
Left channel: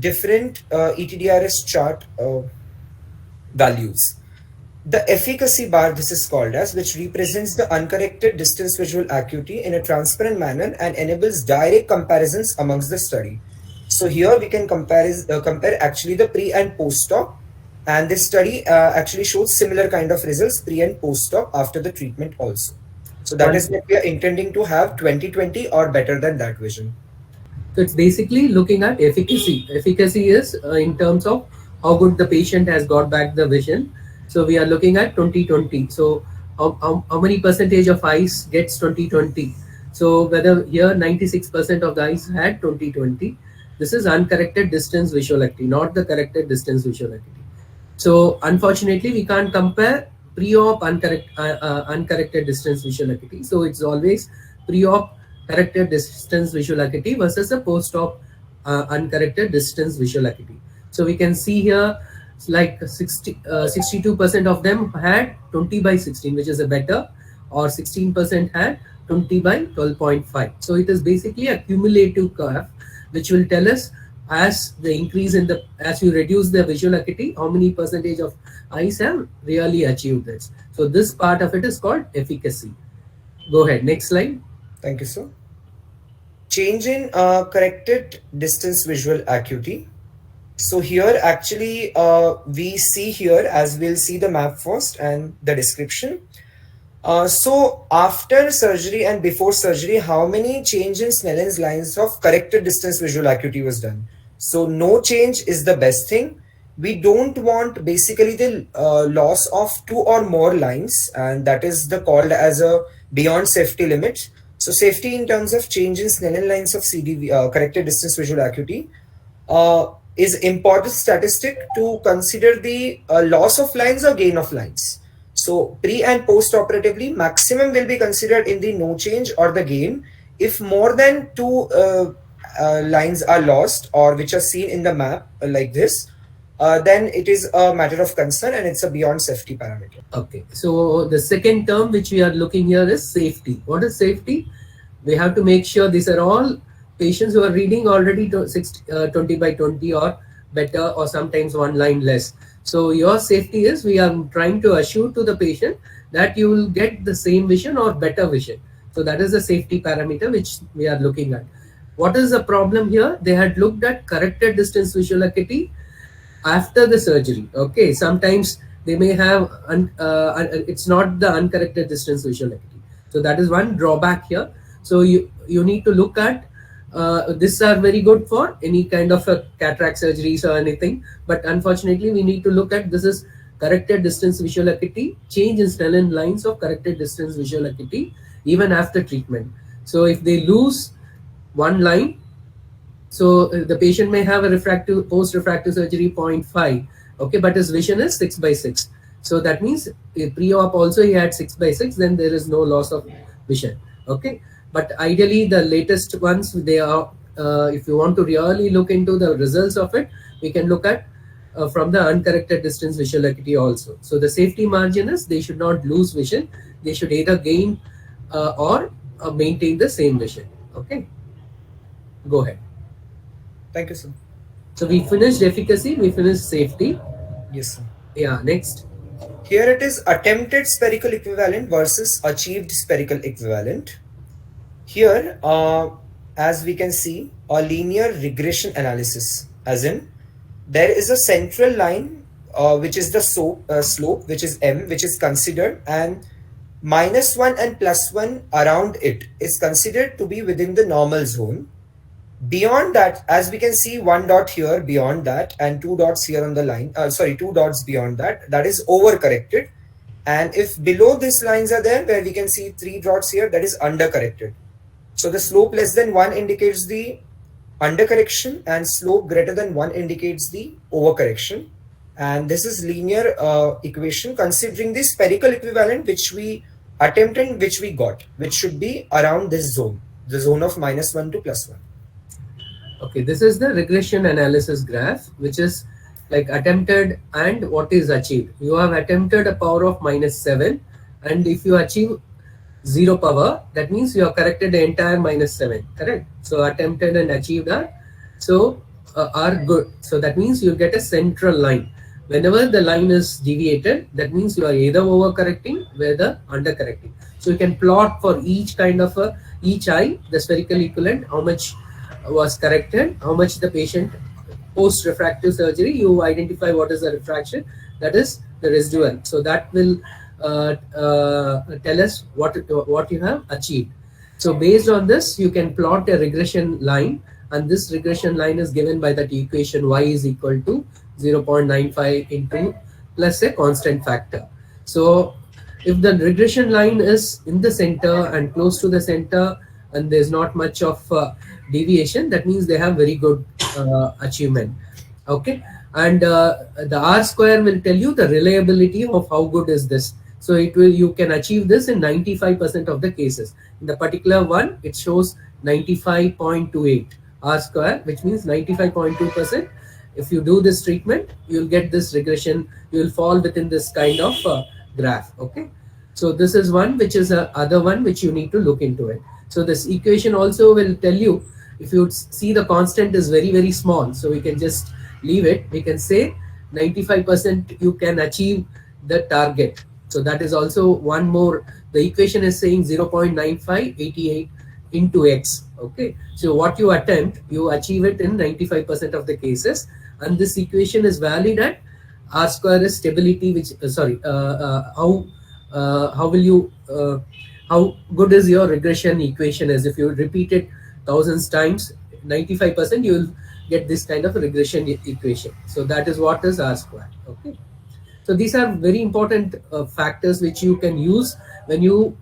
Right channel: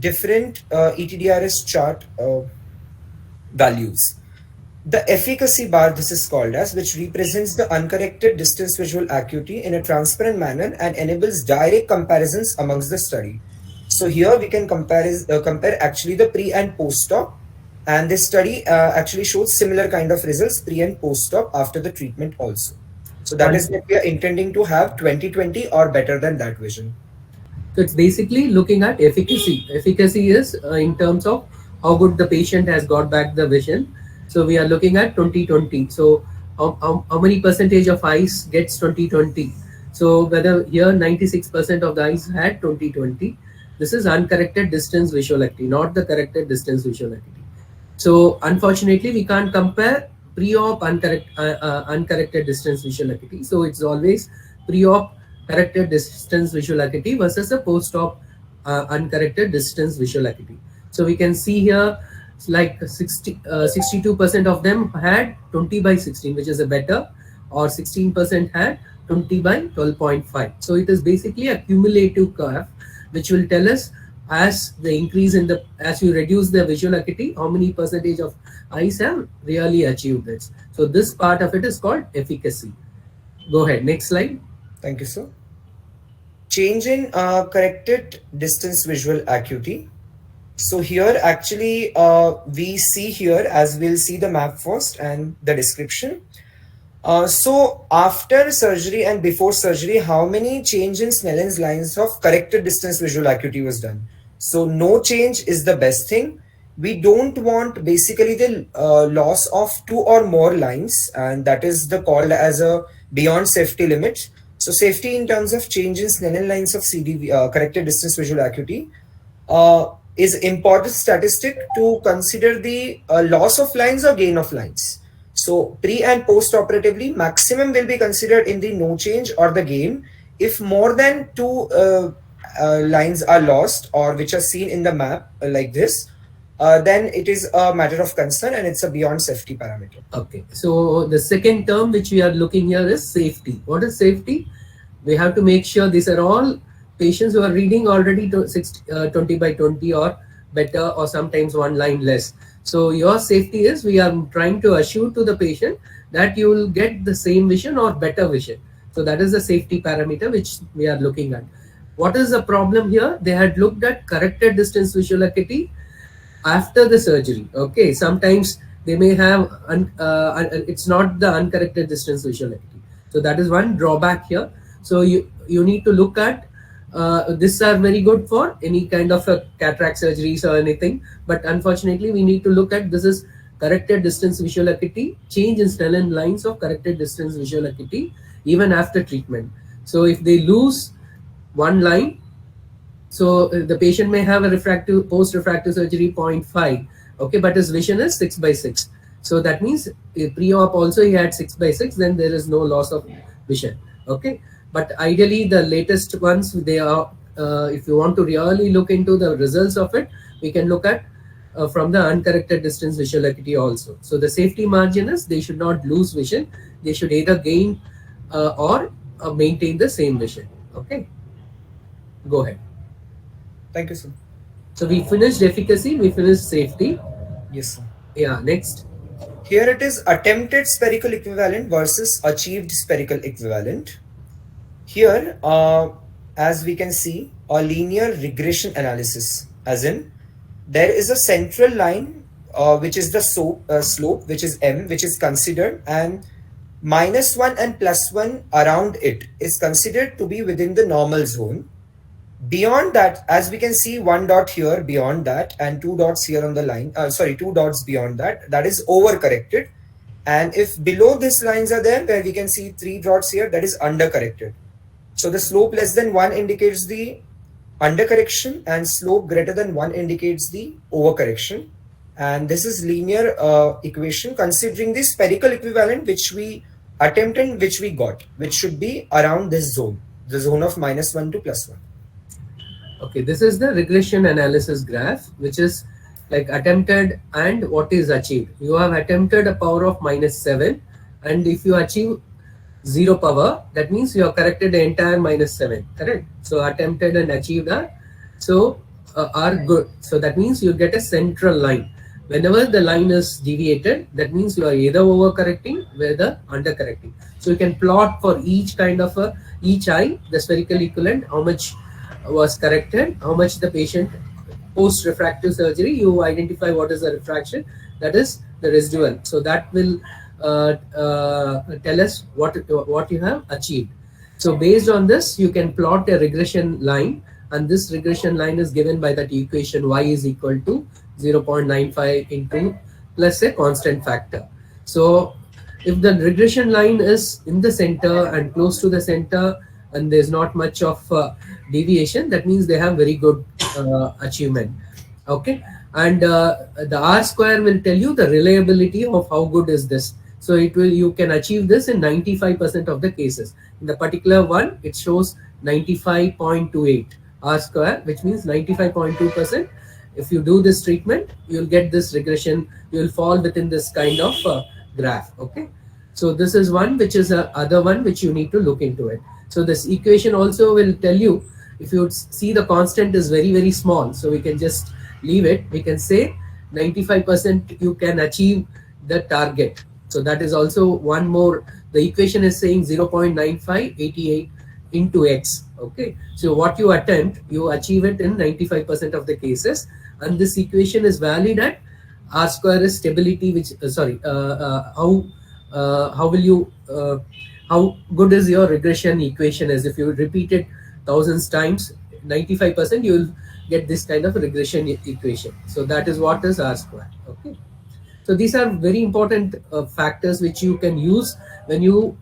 different ETDRS chart values. The efficacy bar, this is called as, which represents the uncorrected distance visual acuity in a transparent manner and enables direct comparisons amongst the study. So here we can compare actually the pre and post-op, and this study actually shows similar kind of results pre and post-op after the treatment also. So that is what we are intending to have 20/20 or better than that vision. So it's basically looking at efficacy. Efficacy is in terms of how good the patient has got back the vision. So we are looking at 20/20. So how many percentage of eyes gets 20/20? So whether here 96% of the eyes had 20/20. This is uncorrected distance visual acuity, not the corrected distance visual acuity. So unfortunately, we can't compare pre-op uncorrected distance visual acuity. So it's always pre-op corrected distance visual acuity versus a post-op uncorrected distance visual acuity. So we can see here like 62% of them had 20/16, which is a better, or 16% had 20/12.5. So it is basically a cumulative curve, which will tell us as the increase in the, as you reduce the visual acuity, how many percentage of eyes have really achieved this. So this part of it is called efficacy. Go ahead, next slide. Thank you, sir. Change in corrected distance visual acuity. So here actually we see here, as we'll see the map first and the description. So after surgery and before surgery, how many change in Snellen's lines of corrected distance visual acuity was done? So no change is the best thing. We don't want basically the loss of 2 or more lines, and that is the called as a beyond safety limit. So safety in terms of change in Snellen lines of CDV, corrected distance visual acuity, is important statistic to consider the loss of lines or gain of lines. So pre and post operatively, maximum will be considered in the no change or the gain. If more than 2 lines are lost or which are seen in the map like this, then it is a matter of concern and it's a beyond safety parameter. Okay, so the second term which we are looking here is safety. What is safety? We have to make sure these are all patients who are reading already 20/20 or better, or sometimes 1 line less. So your safety is, we are trying to assure to the patient that you will get the same vision or better vision. So that is the safety parameter which we are looking at. What is the problem here? They had looked at corrected distance visual acuity after the surgery. Okay, sometimes they may have it's not the uncorrected distance visual acuity. So that is one drawback here. So you need to look at these are very good for any kind of a cataract surgeries or anything, but unfortunately we need to look at this is corrected distance visual acuity, change in Snellen lines of corrected distance visual acuity even after treatment. So if they lose 1 line, so the patient may have a refractive post-refractive surgery 0.5, okay, but his vision is 6/6. So that means pre-op also he had 6/6, then there is no loss of vision, okay. But ideally the latest ones, they are if you want to really look into the results of it, we can look at from the uncorrected distance visual acuity also. So the safety margin is they should not lose vision, they should either gain or maintain the same vision, okay. Go ahead. Thank you, sir. So we finished efficacy, we finished safety. Yes, sir. Yeah, next. Here it is attempted spherical equivalent versus achieved spherical equivalent. Here, as we can see, a linear regression analysis, as in there is a central line which is the slope, which is m, which is considered, and -1 and +1 around it is considered to be within the normal zone. Beyond that, as we can see, 1 dot here beyond that and 2 dots here on the line, 2 dots beyond that, that is overcorrected. And if below these lines are there, where we can see 3 dots here, that is undercorrected. So the slope less than 1 indicates the undercorrection and slope greater than 1 indicates the overcorrection. And this is linear equation considering the spherical equivalent which we attempted, which we got, which should be around this zone, the zone of -1 to +1. Okay, this is the regression analysis graph, which is like attempted and what is achieved. You have attempted a power of -7 And if you achieve 0 power, that means you have corrected the entire -7, correct? So attempted and achieved are good. So that means you get a central line. Whenever the line is deviated, that means you are either overcorrecting, whether undercorrecting. So you can plot for each kind of each eye, the spherical equivalent, how much was corrected, how much the patient post refractive surgery, you identify what is the refraction, that is the residual. So that will tell us what you have achieved. So based on this, you can plot a regression line, and this regression line is given by that equation y is equal to 0.95 into plus a constant factor. So if the regression line is in the center and close to the center, and there's not much of deviation, that means they have very good achievement. Okay, and the R square will tell you the reliability of how good is this. So you can achieve this in 95% of the cases. In the particular one, it shows 95.28 R square, which means 95.2%. If you do this treatment, you'll get this regression, you will fall within this kind of graph. Okay, so this is one which is a other one which you need to look into it. So this equation also will tell you, if you see the constant is very, very small, so we can just leave it. We can say 95% you can achieve the target. So that is also one more. The equation is saying 0.9588 into x. Okay, so what you attempt, you achieve it in 95% of the cases, and this equation is valid at R square is stability, which how will you how good is your regression equation is. If you repeat it thousands times, 95% you will get this kind of regression equation. So that is what is R square. Okay, so these are very important factors which you can use when you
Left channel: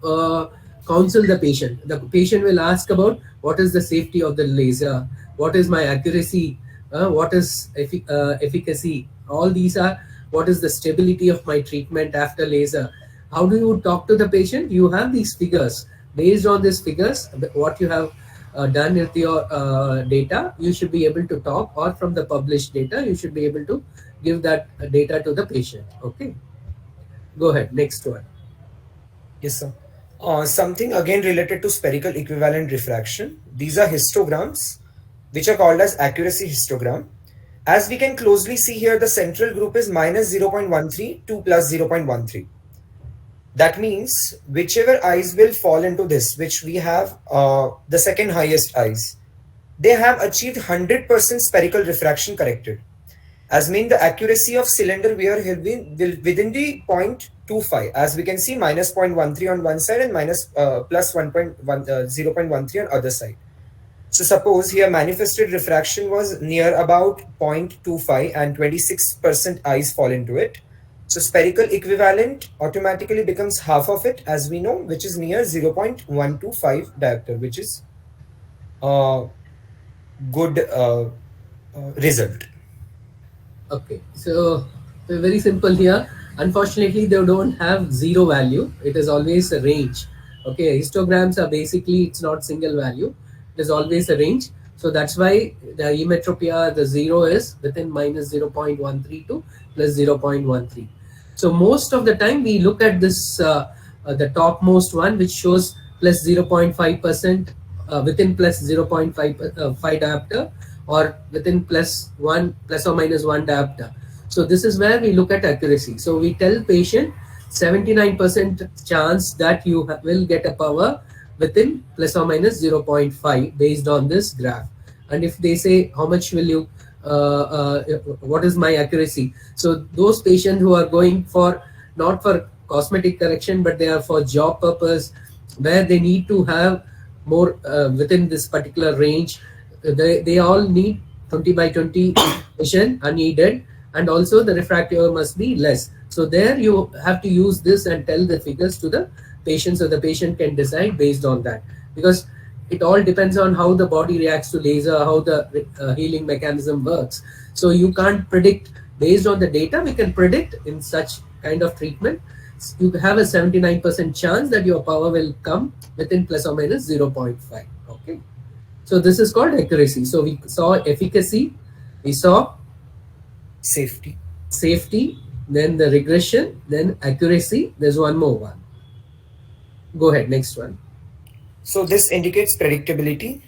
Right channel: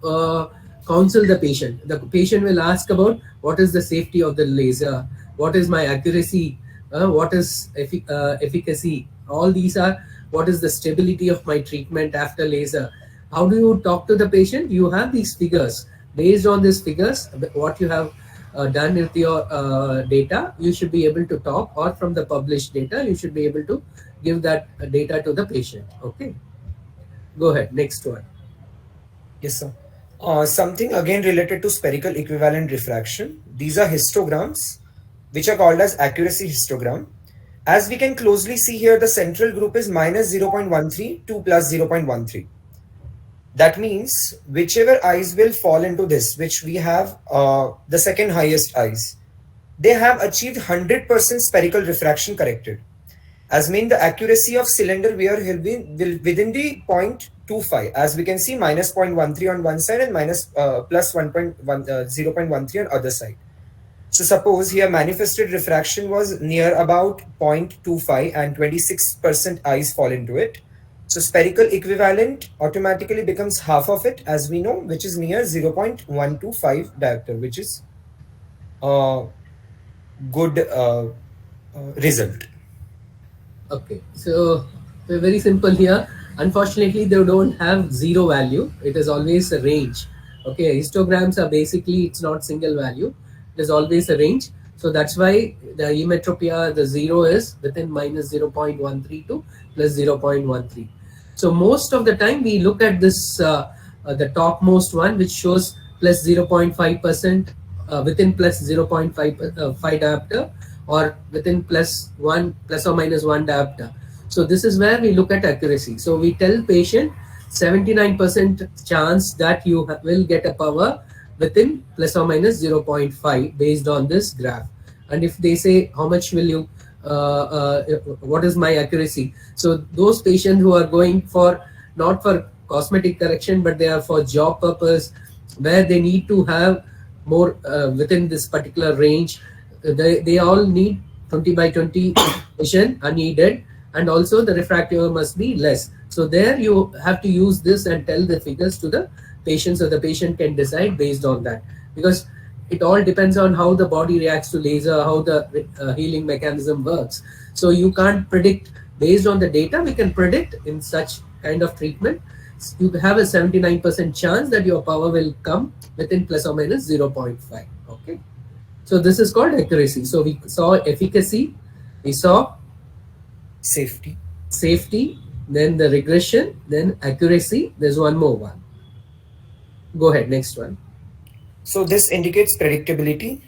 counsel the patient. The patient will ask about what is the safety of the laser, what is my accuracy, what is efficacy. All these are, what is the stability of my treatment after laser. How do you talk to the patient? You have these figures. Based on these figures, what you have done with your data, you should be able to talk, or from the published data, you should be able to give that data to the patient. Okay, go ahead, next one. Yes, sir. Something again related to spherical equivalent refraction. These are histograms, which are called as accuracy histogram. As we can closely see here, the central group is minus 0.13 to plus 0.13. That means whichever eyes will fall into this, which we have the second highest eyes, they have achieved 100% spherical refraction corrected. As mean the accuracy of cylinder wear will be within the 0.25. As we can see, minus 0.13 on one side and minus plus 0.13 on other side. So suppose here manifested refraction was near about 0.25 and 26% eyes fall into it. So spherical equivalent automatically becomes half of it, as we know, which is near 0.125 diopter, which is a good result. Okay, so very simple here. Unfortunately, they don't have zero value. It is always a range. Okay, histograms are basically, it's not single value. It is always a range. So that's why the emmetropia, the zero is within minus 0.13 to plus 0.13. So most of the time we look at this, the topmost one, which shows plus 0.5%, within plus 0.5 diopter, or within plus or minus 1 diopter. So this is where we look at accuracy. So we tell patient 79% chance that you will get a power within plus or minus 0.5 based on this graph. And if they say how much will you what is my accuracy, so those patients who are going for not for cosmetic correction, but they are for job purpose, where they need to have more within this particular range, they all need 20 by 20 vision unneeded, and also the refractive must be less. So there you have to use this and tell the figures to the patient, so the patient can decide based on that, because it all depends on how the body reacts to laser, how the healing mechanism works. So you can't predict based on the data. We can predict in such kind of treatment, you have a 79% chance that your power will come within plus or minus 0.5. Okay, so this is called accuracy. So we saw efficacy, we saw Safety, then the regression, then accuracy. There's one more one. Go ahead, next one. So this indicates predictability.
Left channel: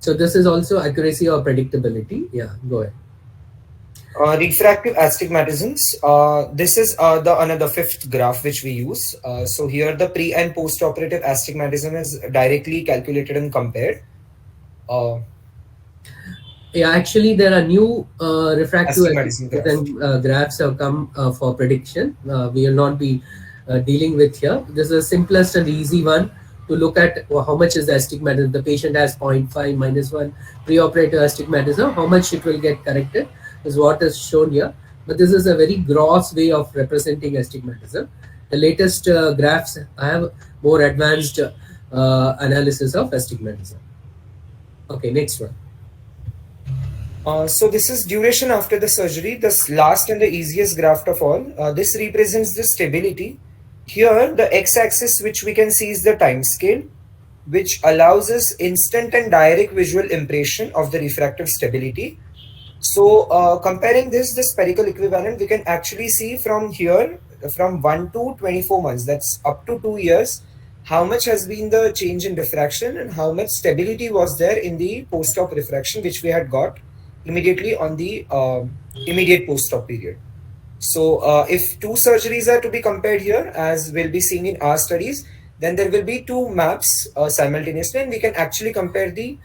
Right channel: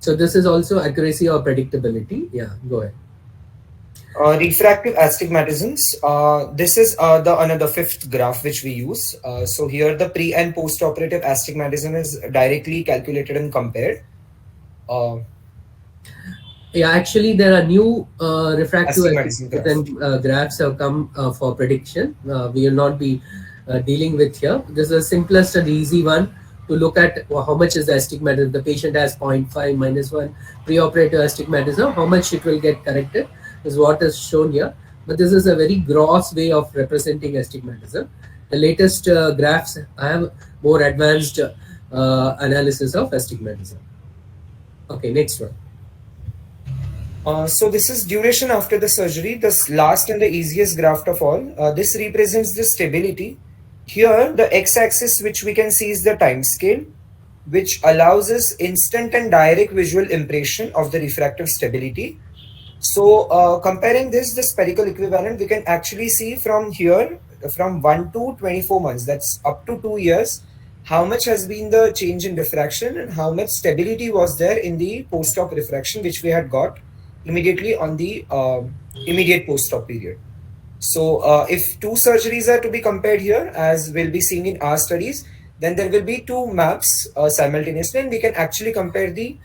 So this is also accuracy or predictability. Yeah, go ahead. Refractive astigmatisms. This is the another fifth graph which we use. So here the pre and post operative astigmatism is directly calculated and compared. Uh, Yeah, actually, there are new refractive Astigmatism graph. graphs have come for prediction. We will not be dealing with here. This is the simplest and easy one to look at how much is the astigmatism. The patient has 0.5 minus 1 preoperative astigmatism, how much it will get corrected is what is shown here. But this is a very gross way of representing astigmatism. The latest graphs have more advanced analysis of astigmatism. Okay, next one. So this is duration after the surgery, the last and the easiest graph of all. This represents the stability. Here, the x-axis which we can see is the time scale, which allows us instant and direct visual impression of the refractive stability. So comparing this, the spherical equivalent, we can actually see from here, from 1 to 24 months, that's up to 2 years, how much has been the change in diffraction and how much stability was there in the post-op refraction, which we had got immediately on the immediate post-op period. So if two surgeries are to be compared here, as we'll be seeing in our studies, then there will be two maps simultaneously, and we can actually compare the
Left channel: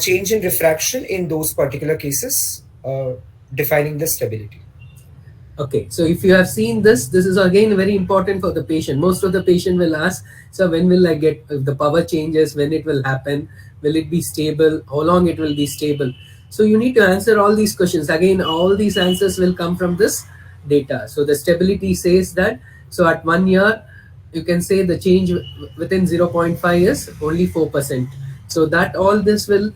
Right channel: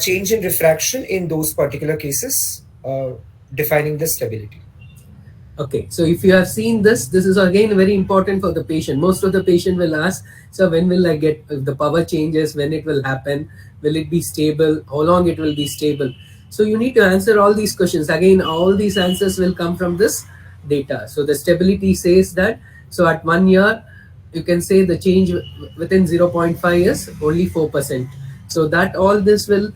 change in refraction in those particular cases, defining the stability. Okay, so if you have seen this is again very important for the patient. Most of the patient will ask, so when will I get the power changes, when it will happen, will it be stable, how long it will be stable? So you need to answer all these questions. Again, all these answers will come from this data. So the stability says that, so at 1 year, you can say the change within 0.5 is only 4%. So that all this will,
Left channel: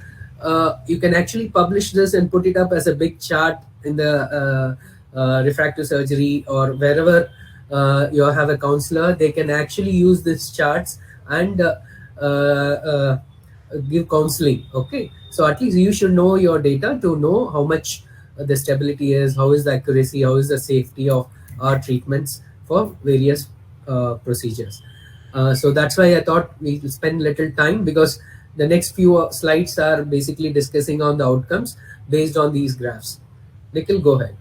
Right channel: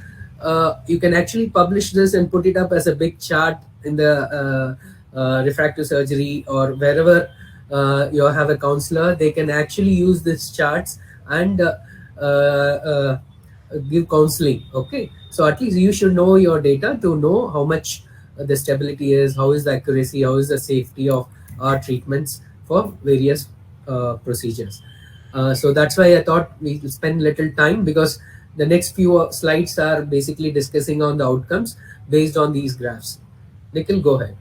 you can actually publish this and put it up as a big chart in the refractive surgery or wherever you have a counselor. They can actually use these charts and give counseling. Okay, so at least you should know your data to know how much the stability is, how is the accuracy, how is the safety of our treatments for various procedures. So that's why I thought we spend little time, because the next few slides are basically discussing on the outcomes based on these graphs. Nikhil, go ahead.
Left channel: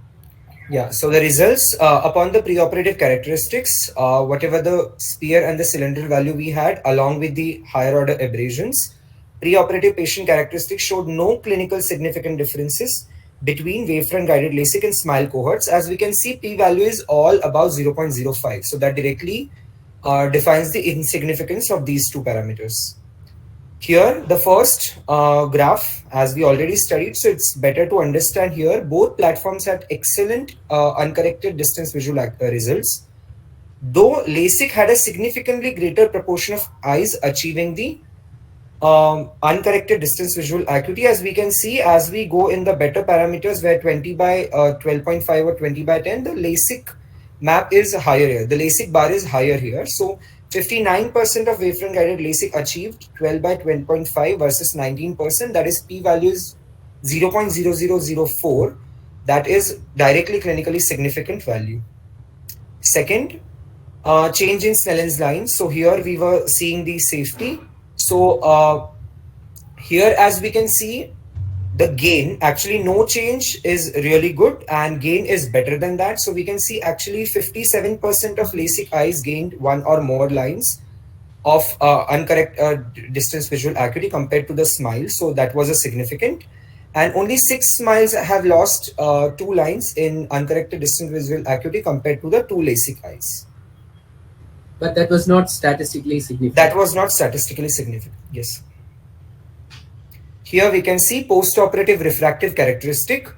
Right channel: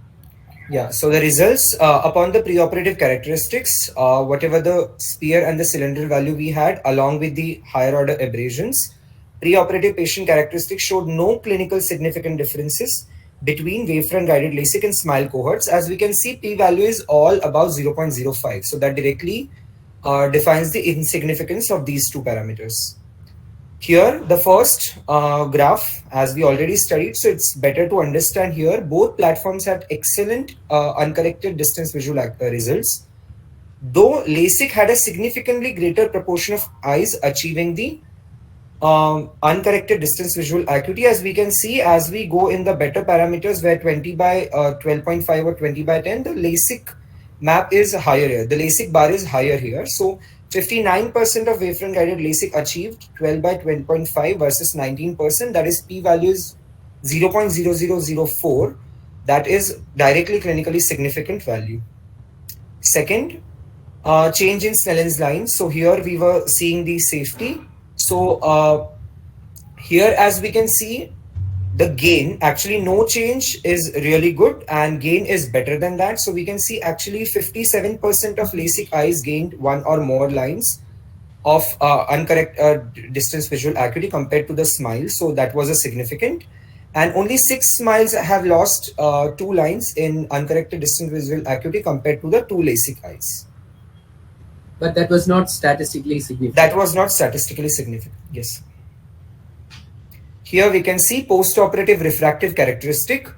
Yeah, so the results upon the preoperative characteristics, whatever the sphere and the cylinder value we had, along with the higher order abrasions, preoperative patient characteristics showed no clinical significant differences between Wavefront guided LASIK and SMILE cohorts. As we can see, p-value is all about 0.05. So that directly defines the insignificance of these two parameters. Here, the first graph, as we already studied, so it's better to understand here, both platforms had excellent uncorrected distance visual results, though LASIK had a significantly greater proportion of eyes achieving the uncorrected distance visual acuity. As we can see, as we go in the better parameters where 20 by 12.5 or 20 by 10, the LASIK map is higher here. The LASIK bar is higher here. So 59% of Wavefront guided LASIK achieved 12 by 20.5 versus 19%. That is p-value is 0.0004. That is directly clinically significant value. Second, change in Snellen's line. So here we were seeing the safety. So here, as we can see, the gain, actually no change is really good and gain is better than that. So we can see actually 57% of LASIK eyes gained one or more lines of uncorrect distance visual acuity compared to the SMILE. So that was a significant. And only 6 SMILEs have lost 2 lines in uncorrected distance visual acuity compared to the 2 LASIK eyes. But that was not statistically significant. That was not statistically significant, yes. Here we can see post-operative refractive characteristic.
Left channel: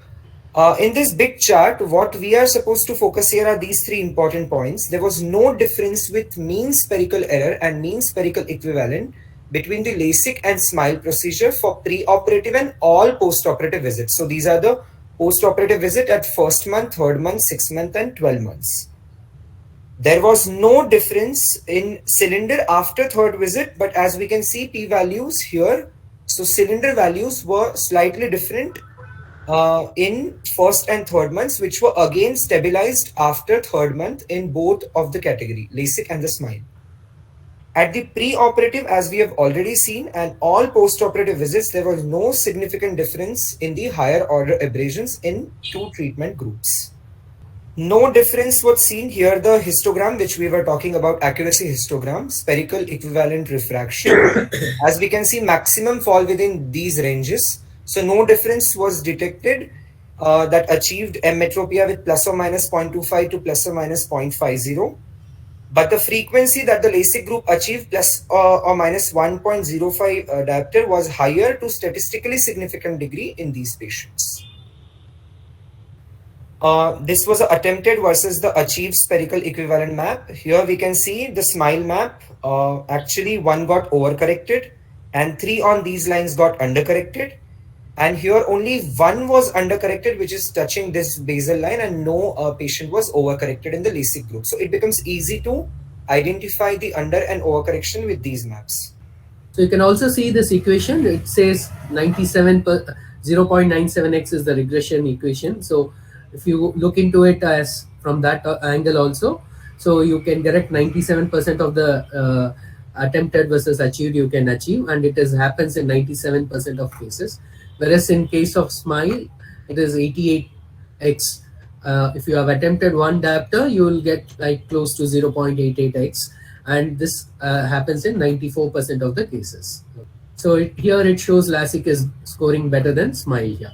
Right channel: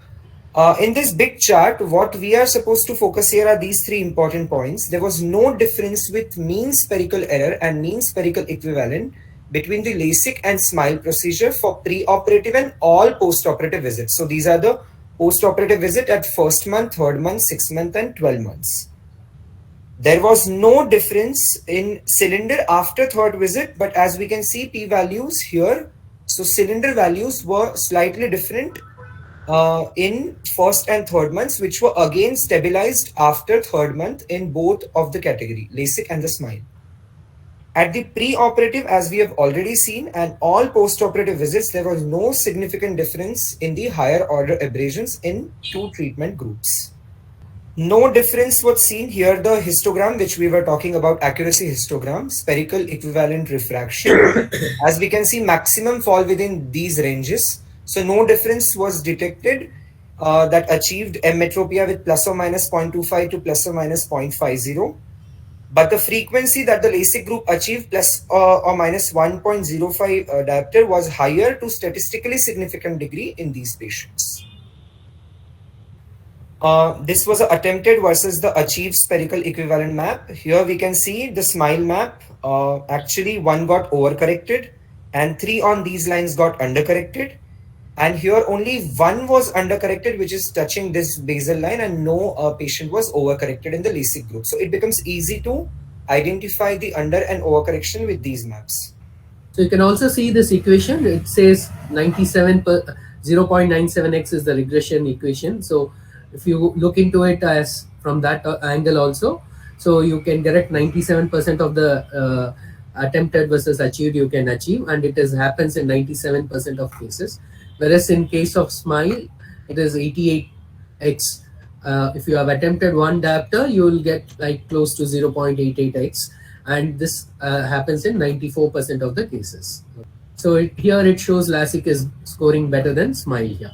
In this big chart, what we are supposed to focus here are these 3 important points. There was no difference with mean spherical error and mean spherical equivalent between the LASIK and SMILE procedure for pre-operative and all post-operative visits. So these are the post-operative visit at 1st month, 3rd month, 6th month and 12 months. There was no difference in cylinder after 3rd visit, but as we can see p-values here, so cylinder values were slightly different in 1st and 3rd months, which were again stabilized after 3rd month in both of the category, LASIK and the SMILE. At the pre-operative, as we have already seen, and all post-operative visits, there was no significant difference in the higher order abrasions in two treatment groups. No difference was seen here. The histogram, which we were talking about, accuracy histogram, spherical equivalent refraction, as we can see, maximum fall within these ranges. So no difference was detected that achieved emmetropia with plus or minus 0.25 to plus or minus 0.50. But the frequency that the LASIK group achieved plus or minus 1.05 diopter was higher to statistically significant degree in these patients. This was attempted versus the achieved spherical equivalent map. Here we can see the SMILE map. Actually, one got overcorrected and 3 on these lines got undercorrected. And here only one was undercorrected, which is touching this basal line, and no patient was overcorrected in the LASIK group. So it becomes easy to identify the under and overcorrection with these maps. So you can also see this equation. It says 0.97x is the regression equation. So if you look into it as from that angle also, so you can correct 97% of the attempted versus achieved you can achieve, and it happens in 97% of cases. Whereas in case of SMILE, it is 88x. If you have attempted one diopter, you will get like close to 0.88x, and this happens in 94% of the cases. So here it shows LASIK is scoring better than SMILE here.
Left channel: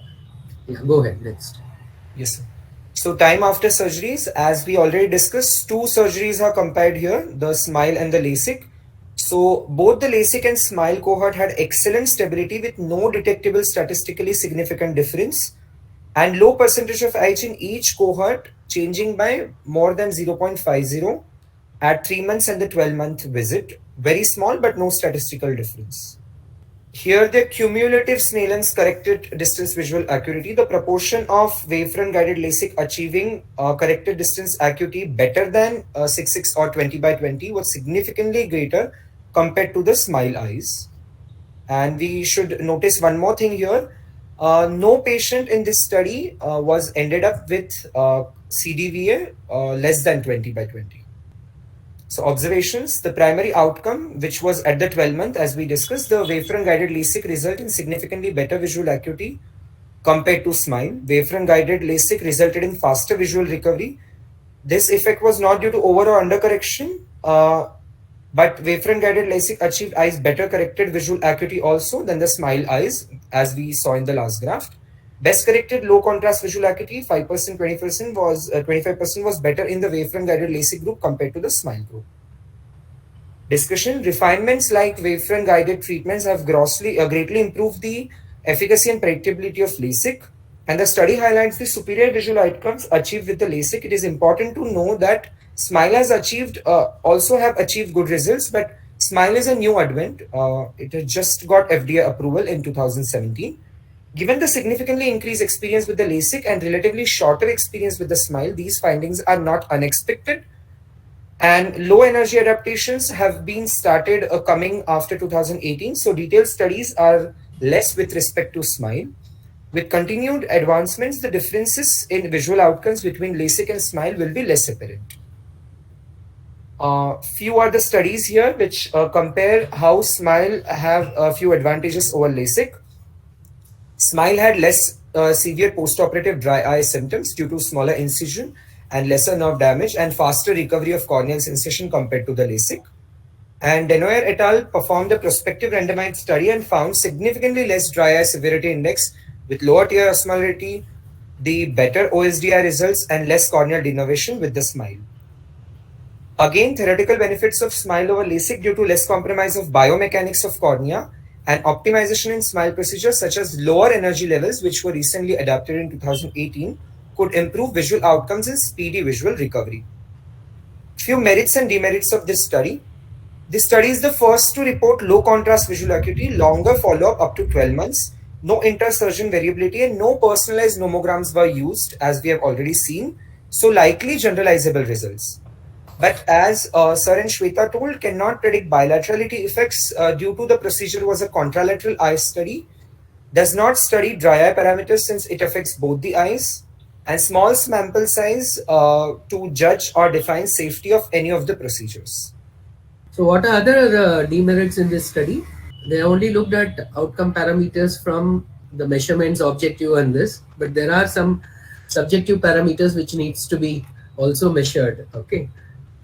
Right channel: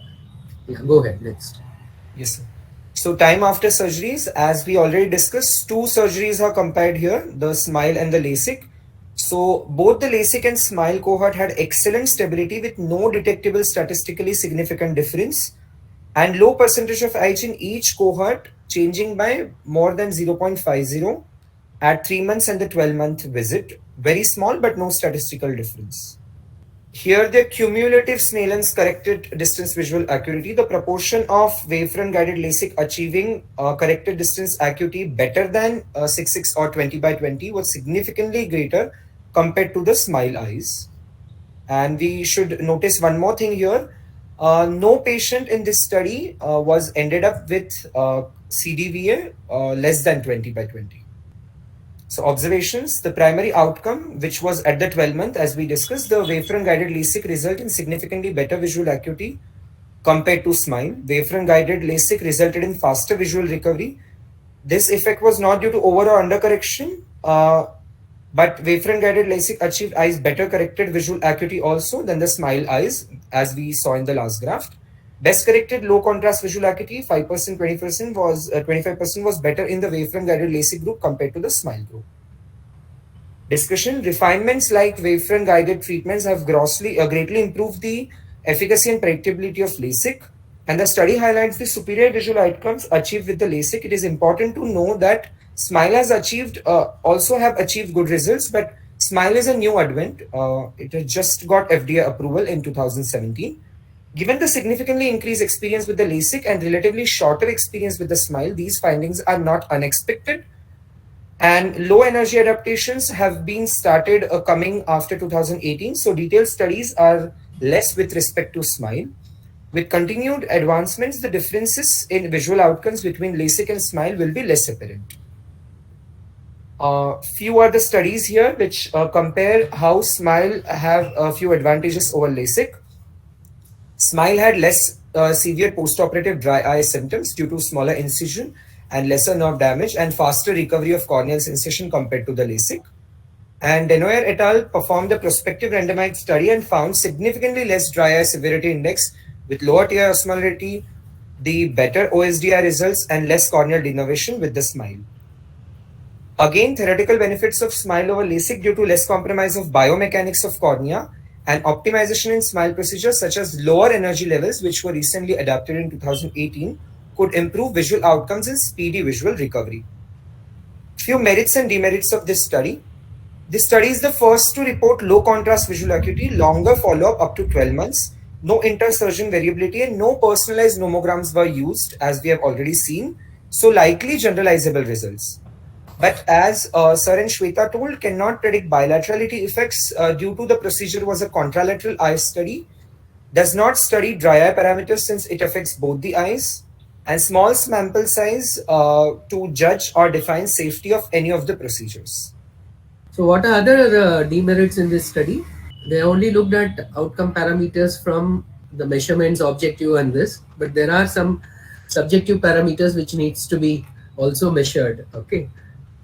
Yeah, go ahead, next. Yes, sir. So time after surgeries, as we already discussed, two surgeries are compared here, the SMILE and the LASIK. So both the LASIK and SMILE cohort had excellent stability with no detectable statistically significant difference, and low percentage of age in each cohort, changing by more than 0.50 at 3 months and the 12-month visit. Very small, but no statistical difference. Here the cumulative Snellen's corrected distance visual acuity, the proportion of Wavefront guided LASIK achieving corrected distance acuity better than 6/6 or 20/20 was significantly greater compared to the SMILE eyes. And we should notice one more thing here. No patient in this study was ended up with CDVA less than 20/20. So observations, the primary outcome, which was at the 12 month, as we discussed, the Wavefront guided LASIK result in significantly better visual acuity compared to SMILE. Wavefront guided LASIK resulted in faster visual recovery. This effect was not due to over or under correction, but Wavefront guided LASIK achieved eyes better corrected visual acuity also than the SMILE eyes, as we saw in the last graph. Best corrected low contrast visual acuity, 5%, 20% was 25% was better in the Wavefront guided LASIK group compared to the SMILE group. Discussion: refinements like Wavefront guided treatments have greatly improved the efficacy and predictability of LASIK, and the study highlights the superior visual outcomes achieved with the LASIK. It is important to know that SMILE has also have achieved good results, but SMILE is a new advent. It has just got FDA approval in 2017. Given the significantly increased experience with the LASIK and relatively shorter experience with the SMILE, these findings are not unexpected. And low energy adaptations have been started coming after 2018. So detailed studies are less with respect to SMILE. With continued advancements, the differences in visual outcomes between LASIK and SMILE will be less apparent. Few are the studies here which compare how SMILE have a few advantages over LASIK. SMILE had less severe postoperative dry eye symptoms due to smaller incision and lesser nerve damage and faster recovery of corneal sensation compared to the LASIK. And Denoyer et al. Performed a prospective randomized study and found significantly less dry eye severity index with lower tear osmolarity, the better OSDI results, and less corneal denervation with the SMILE. Again, theoretical benefits of SMILE over LASIK due to less compromise of biomechanics of cornea and optimization in SMILE procedures such as lower energy levels, which were recently adapted in 2018, could improve visual outcomes and speedy visual recovery. Few merits and demerits of this study. This study is the first to report low contrast visual acuity, longer follow-up up to 12 months, no inter-surgeon variability, and no personalized nomograms were used, as we have already seen, so likely generalizable results. But as Sir and Shweta told, cannot predict bilaterality effects due to the procedure was a contralateral eye study, does not study dry eye parameters since it affects both the eyes, and small sample size to judge or define safety of any of the procedures. So what are other demerits in this study? They only looked at outcome parameters from the measurements, objective and this, but there are some subjective parameters which needs to be also measured. Okay,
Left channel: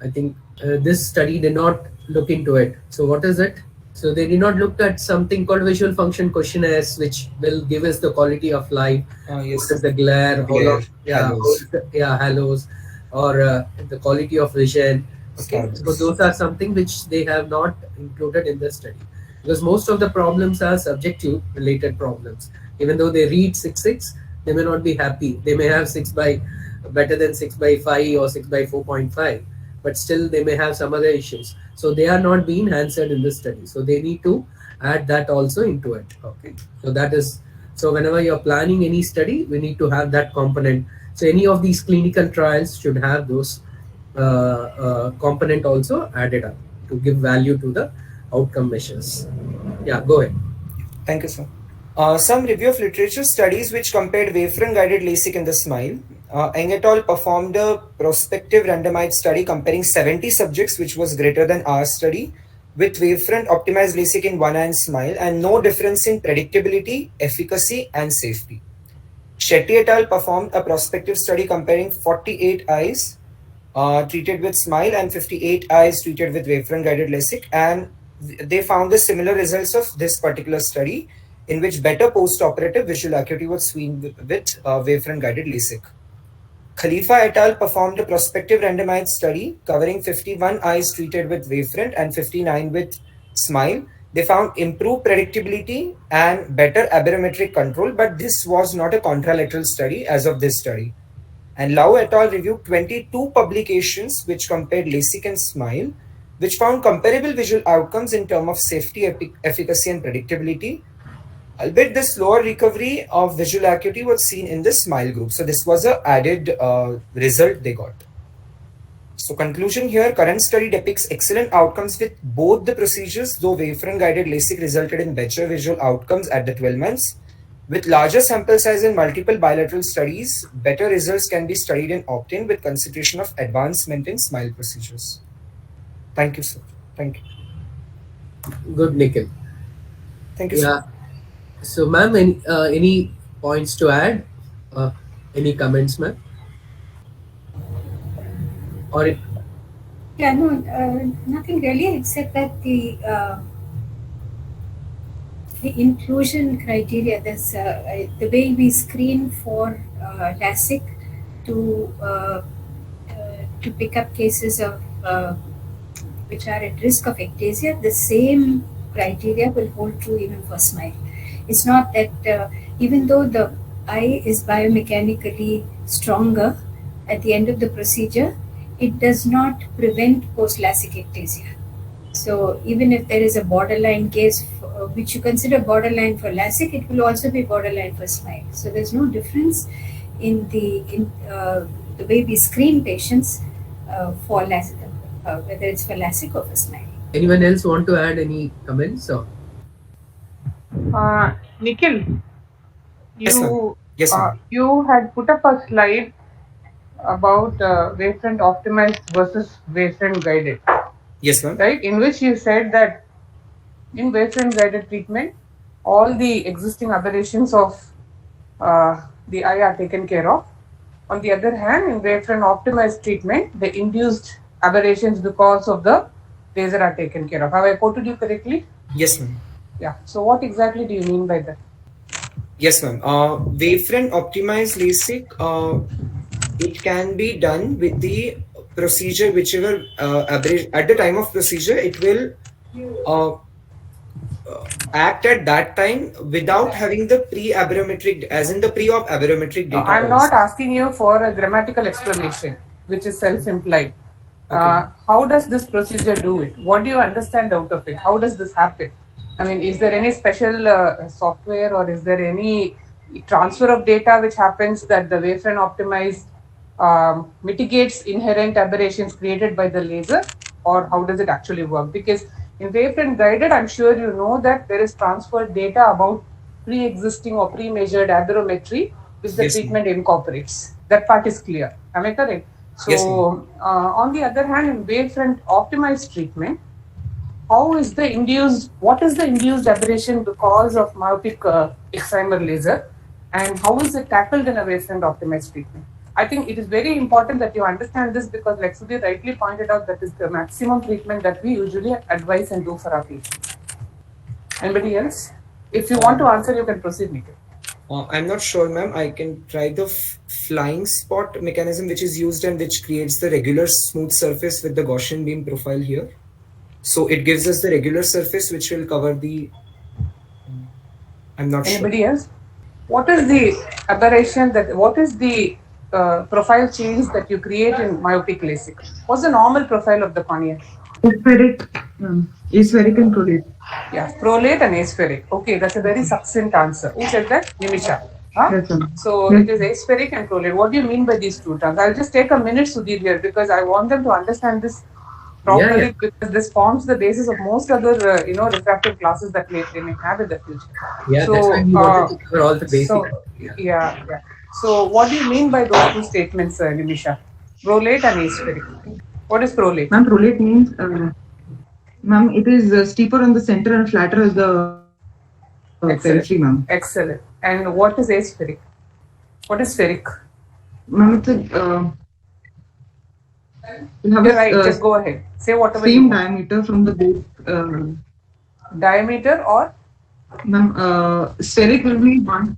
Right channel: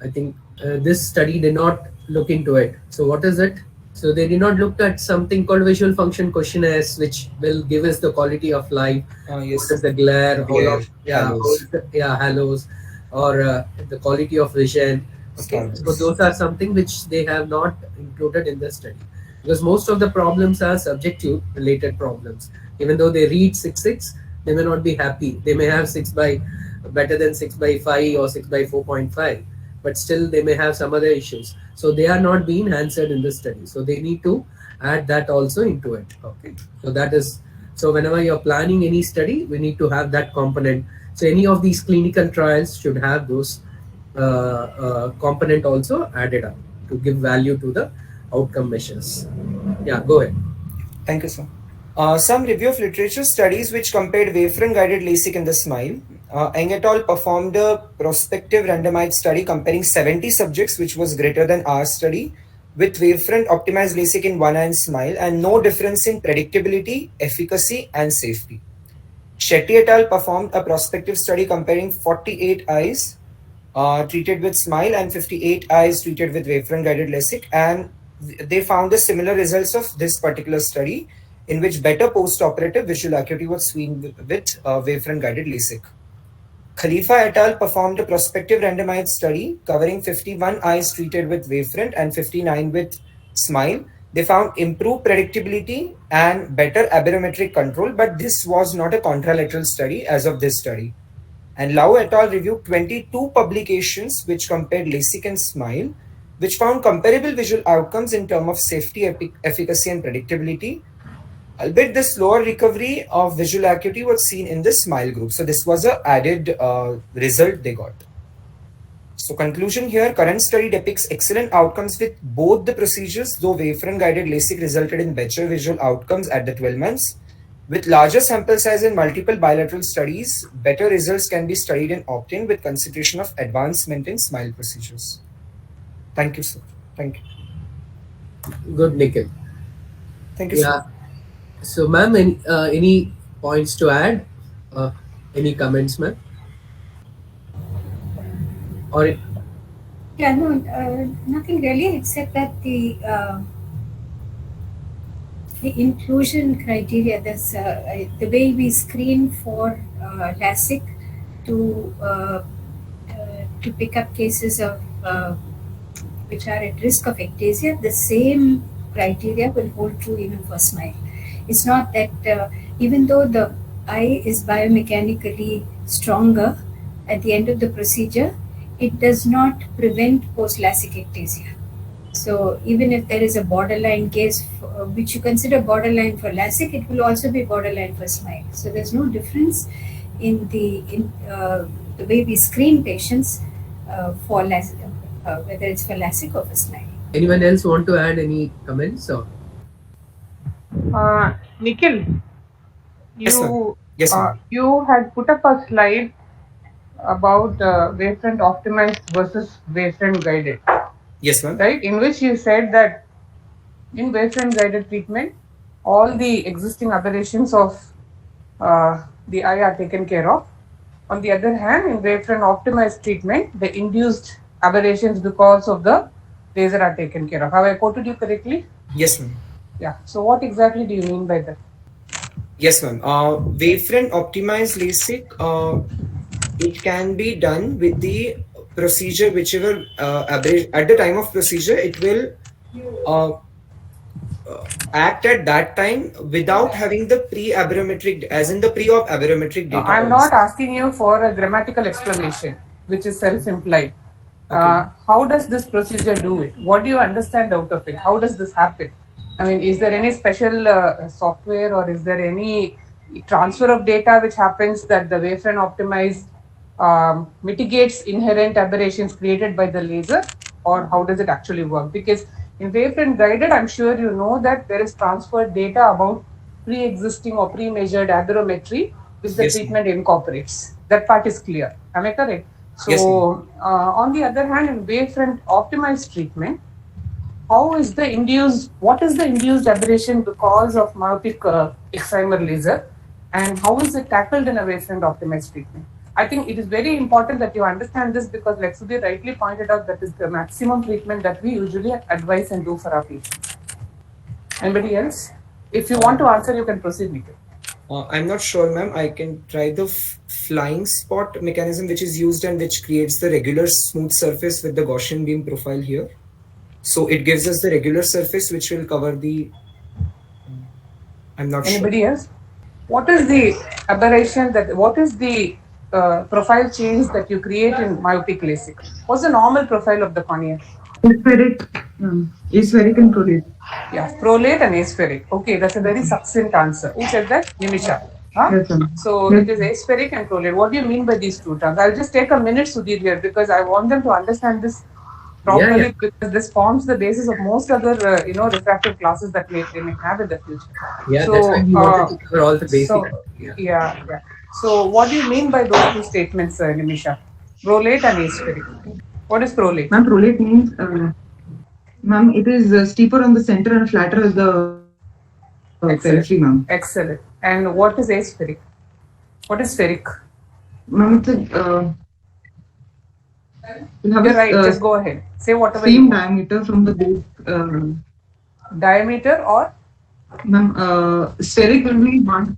I think this study did not look into it. So what is it? So they did not look at something called visual function questionnaires, which will give us the quality of light. Yes. What is the glare? How Glare, long? Yeah, halos. halos, or the quality of vision. Okay, so Stars. those are something which they have not included in the study, because most of the problems are subjective related problems. Even though they read 6/6, they may not be happy. They may have 6 by better than 6 by 5 or 6 by 4.5, but still they may have some other issues. So they are not being answered in the study. So they need to add that also into it. Okay, so that is, so whenever you're planning any study, we need to have that component. So any of these clinical trials should have those component also added up to give value to the outcome measures. Yeah, go ahead. Thank you, sir. Some review of literature studies which compared Wavefront guided LASIK and the SMILE. Eng et al. Performed a prospective randomized study comparing 70 subjects, which was greater than our study, with Wavefront optimized LASIK in one eye and SMILE, and no difference in predictability, efficacy, and safety. Shetty et al. Performed a prospective study comparing 48 eyes treated with SMILE and 58 eyes treated with Wavefront guided LASIK, and they found the similar results of this particular study, in which better post-operative visual acuity was seen with Wavefront guided LASIK. Khalifa et al. Performed a prospective randomized study covering 51 eyes treated with Wavefront and 59 with SMILE. They found improved predictability and better aberrometric control, but this was not a contralateral study as of this study. And Lau et al. Reviewed 22 publications which compared LASIK and SMILE, which found comparable visual outcomes in terms of safety, efficacy, and predictability. Albeit the slower recovery of visual acuity was seen in the SMILE group. So this was an added result they got. So conclusion here, current study depicts excellent outcomes with both the procedures, though Wavefront guided LASIK resulted in better visual outcomes at the 12 months. With larger sample size and multiple bilateral studies, better results can be studied and obtained with consideration of advancement in SMILE procedures. Thank you, sir. Thank you. Good, Nikhil. Thank you, Yeah. sir. So, ma'am, any points to add? Any comments, ma'am? Or Yeah, no, nothing really, except that the inclusion criteria, the way we screen for LASIK to pick up cases of which are at risk of ectasia, the same criteria will hold true even for SMILE. It's not that even though the eye is biomechanically stronger at the end of the procedure, it does not prevent post-LASIK ectasia. So even if there is a borderline case which you consider borderline for LASIK, it will also be borderline for SMILE. So there's no difference in the way we screen patients for LASIK, whether it's for LASIK or for SMILE. anyone else want to add any comments? Or Nikhil, Yes, ma'am. you Yes, ma'am. you had put up a slide about Wavefront optimized versus Wavefront guided, Yes, ma'am. right? In which you said that in Wavefront guided treatment, all the existing aberrations of the eye are taken care of. On the other hand, in Wavefront optimized treatment, the induced aberrations because of the laser are taken care of. Have I quoted you correctly? Yes, ma'am. Yeah. So what exactly do you mean by that? Yes, ma'am. Wavefront optimized LASIK, it can be done with the procedure, whichever at the time of procedure, it will act at that time without having the pre-aberrometric, as in the pre-op aberrometric data. I'm not asking you for a grammatical explanation, which is self-implied. Okay. How does this procedure do it? What do you understand out of it? How does this happen? I mean, is there any special software or is there any transfer of data which happens that the Wavefront optimized mitigates inherent aberrations created by the laser, or how does it actually work? Because in Wavefront guided, I'm sure you know that there is transferred data about pre-existing or pre-measured aberrometry which the Yes, treatment incorporates. That part is clear. Am I correct? So Yes, on the other hand, in Wavefront optimized treatment, what is the induced aberration because of myopic excimer laser, and how is it tackled in a wavefront optimized treatment? I think it is very important that you understand this, because like Sudhir rightly pointed out, that is the maximum treatment that we usually advise and do for our patients. Anybody else? If you want to answer, you can proceed, Nikhil. I'm not sure, ma'am. I can try the flying spot mechanism which is used and which creates the regular smooth surface with the Gaussian beam profile here. So it gives us the regular surface which will cover the... I'm not sure. Anybody else? What is the aberration what is the profile change that you create in myopic LASIK? What's the normal profile of the cornea? Aspheric and prolate. Yeah, prolate and aspheric. Okay, that's a very succinct answer. Who said that? Nimisha. Huh? Yes, sir. So Yes. it is aspheric and prolate. What do you mean by these two terms? I'll just take a minute, Sudhir, here, because I want them to understand this properly, because this forms the basis of most other refractive classes that they may have in the future. Yeah, so, that's why we wanted to cover all the basics. So, yeah. So what do you mean by those two statements, Nimisha? Prolate and aspheric. What is prolate? Ma'am, prolate means, ma'am, it is steeper on the center and flatter as the periphery, ma'am. Excellent. And what is aspheric? What is spheric? Ma'am, it's You're right, just go ahead. Say whatever same diameter from the base. Diameter or? Ma'am, spheric will be 1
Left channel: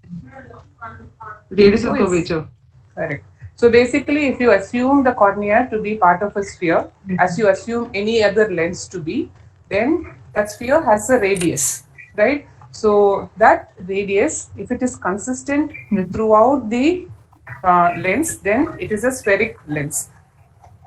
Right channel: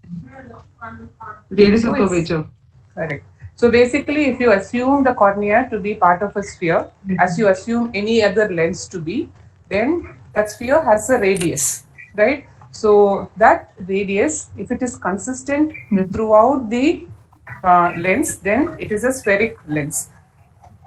radius of curvature. Correct. So basically, if you assume the cornea to be part of a sphere, as you assume any other lens to be, then that sphere has a radius, right? So that radius, if it is consistent throughout the lens, then it is a spheric lens.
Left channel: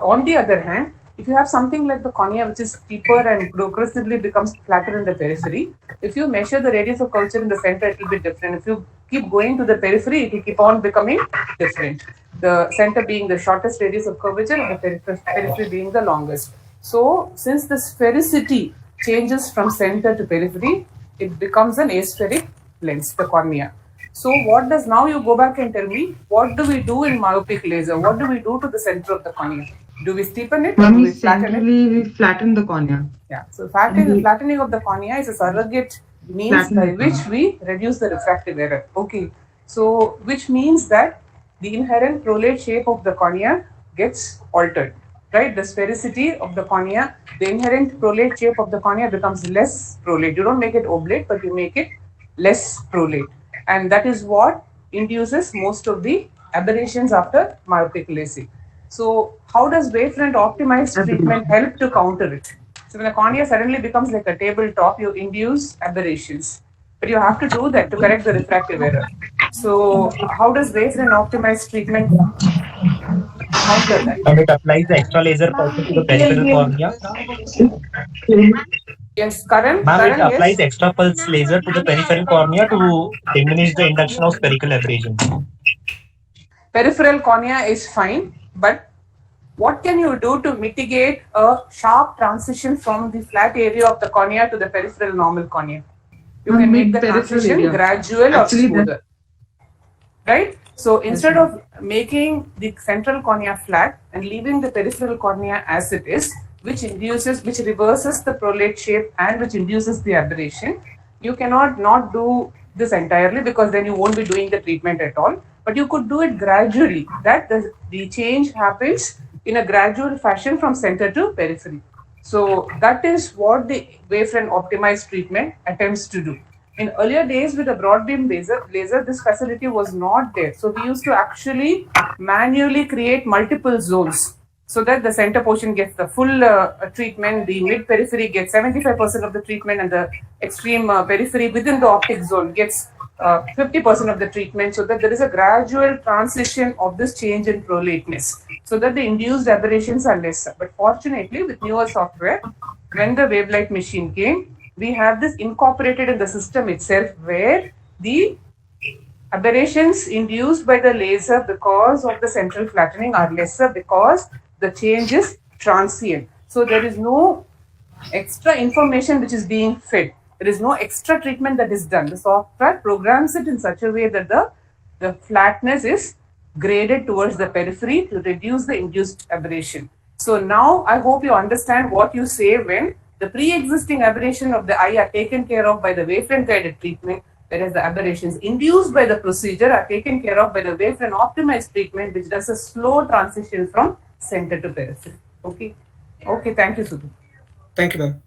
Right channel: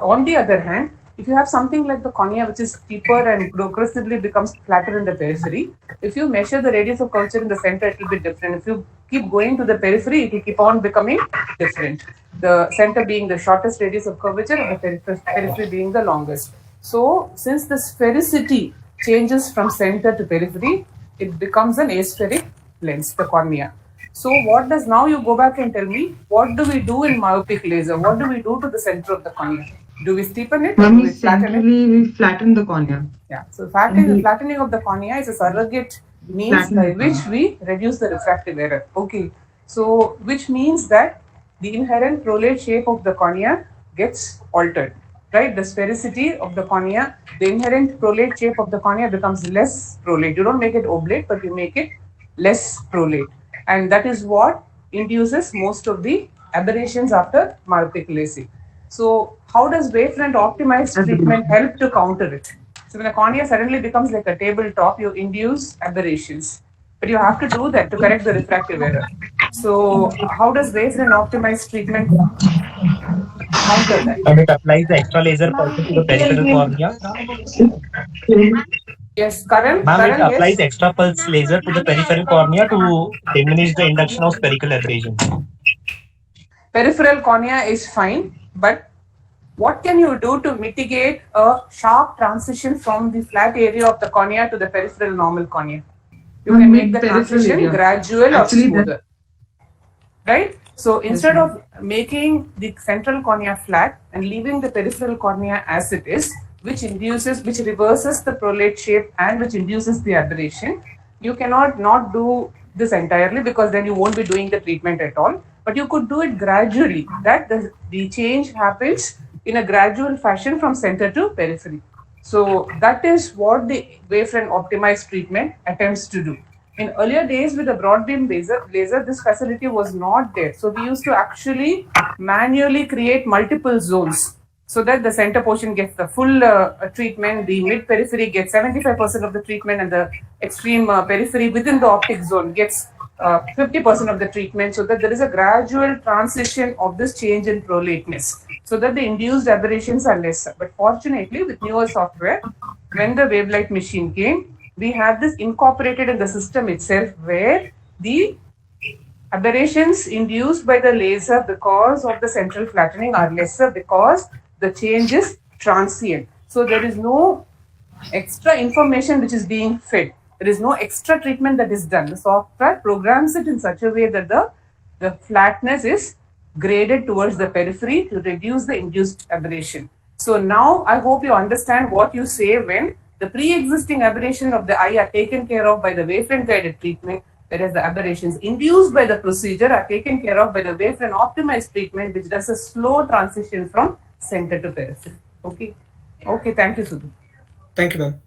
On the other hand, if you have something like the cornea which is steeper and progressively becomes flatter in the periphery, if you measure the radius of curvature in the center, it will be different. If you keep going to the periphery, it will keep on becoming different. The center being the shortest radius of curvature and the periphery being the longest. So since the sphericity changes from center to periphery, it becomes an aspheric lens, the cornea. So what does, now you go back and tell me, what do we do in myopic laser? What do we do to the center of the cornea? Do we steepen it? Ma'am, we flatten it? We flatten the cornea. Yeah, so flattening of the cornea is a surrogate means by which we reduce the refractive error. Okay, so which means that the inherent prolate shape of the cornea gets altered, right? The sphericity of the cornea, the inherent prolate shape of the cornea becomes less prolate. You don't make it oblate, but you make it less prolate. And that is what induces most of the aberrations after myopic LASIK. So how does Wavefront optimized treatment help to counter it? So when the cornea suddenly becomes like a tabletop, you induce aberrations. But you have to do that to correct the refractive error. So how does Wavefront optimized treatment counter that? And it applies the extra laser pulse to the peripheral cornea. Yes, Karan? Ma'am, it applies extra pulse laser to the peripheral cornea to diminish the induction of spherical aberration. Peripheral cornea is fine, but what can you do to mitigate a sharp transition from the flat area of the cornea to the peripheral normal cornea? You can make the transition gradual or smoother, right? So instead of making the central cornea flat and leaving the peripheral cornea as it is, which reverses the prolate shape and which induces the aberration, you cannot not do this entirely, because then you won't be doing the treatment at all. But you could do it gradually, that the change happens in a gradual fashion from center to periphery. So that is what the Wavefront optimized treatment attempts to do. In earlier days with the broad beam laser, this facility was not there. So we used to actually manually create multiple zones so that the center portion gets the full treatment, the mid periphery gets 75% of the treatment, and the extreme periphery within the optic zone gets 50% of the treatment, so that there is a gradual transition of this change in prolateness, so that the induced aberrations are lesser. But fortunately, with newer software, when the wavelight machine came, we have this incorporated in the system itself, where the aberrations induced by the laser because of the central flattening are lesser, because the change is transient. So there is no extra information which is being fed. There is no extra treatment that is done. The software programs it in such a way that the flatness is graded towards the periphery to reduce the induced aberration. So now I hope you understand what you say when The pre-existing aberration of the eye are taken care of by the wavefront guided treatment, whereas the aberrations induced by the procedure are taken care of by the wavefront optimized treatment, which does a slow transition from center to periphery. Okay. Okay, thank you, Sudhir. Thank you, ma'am.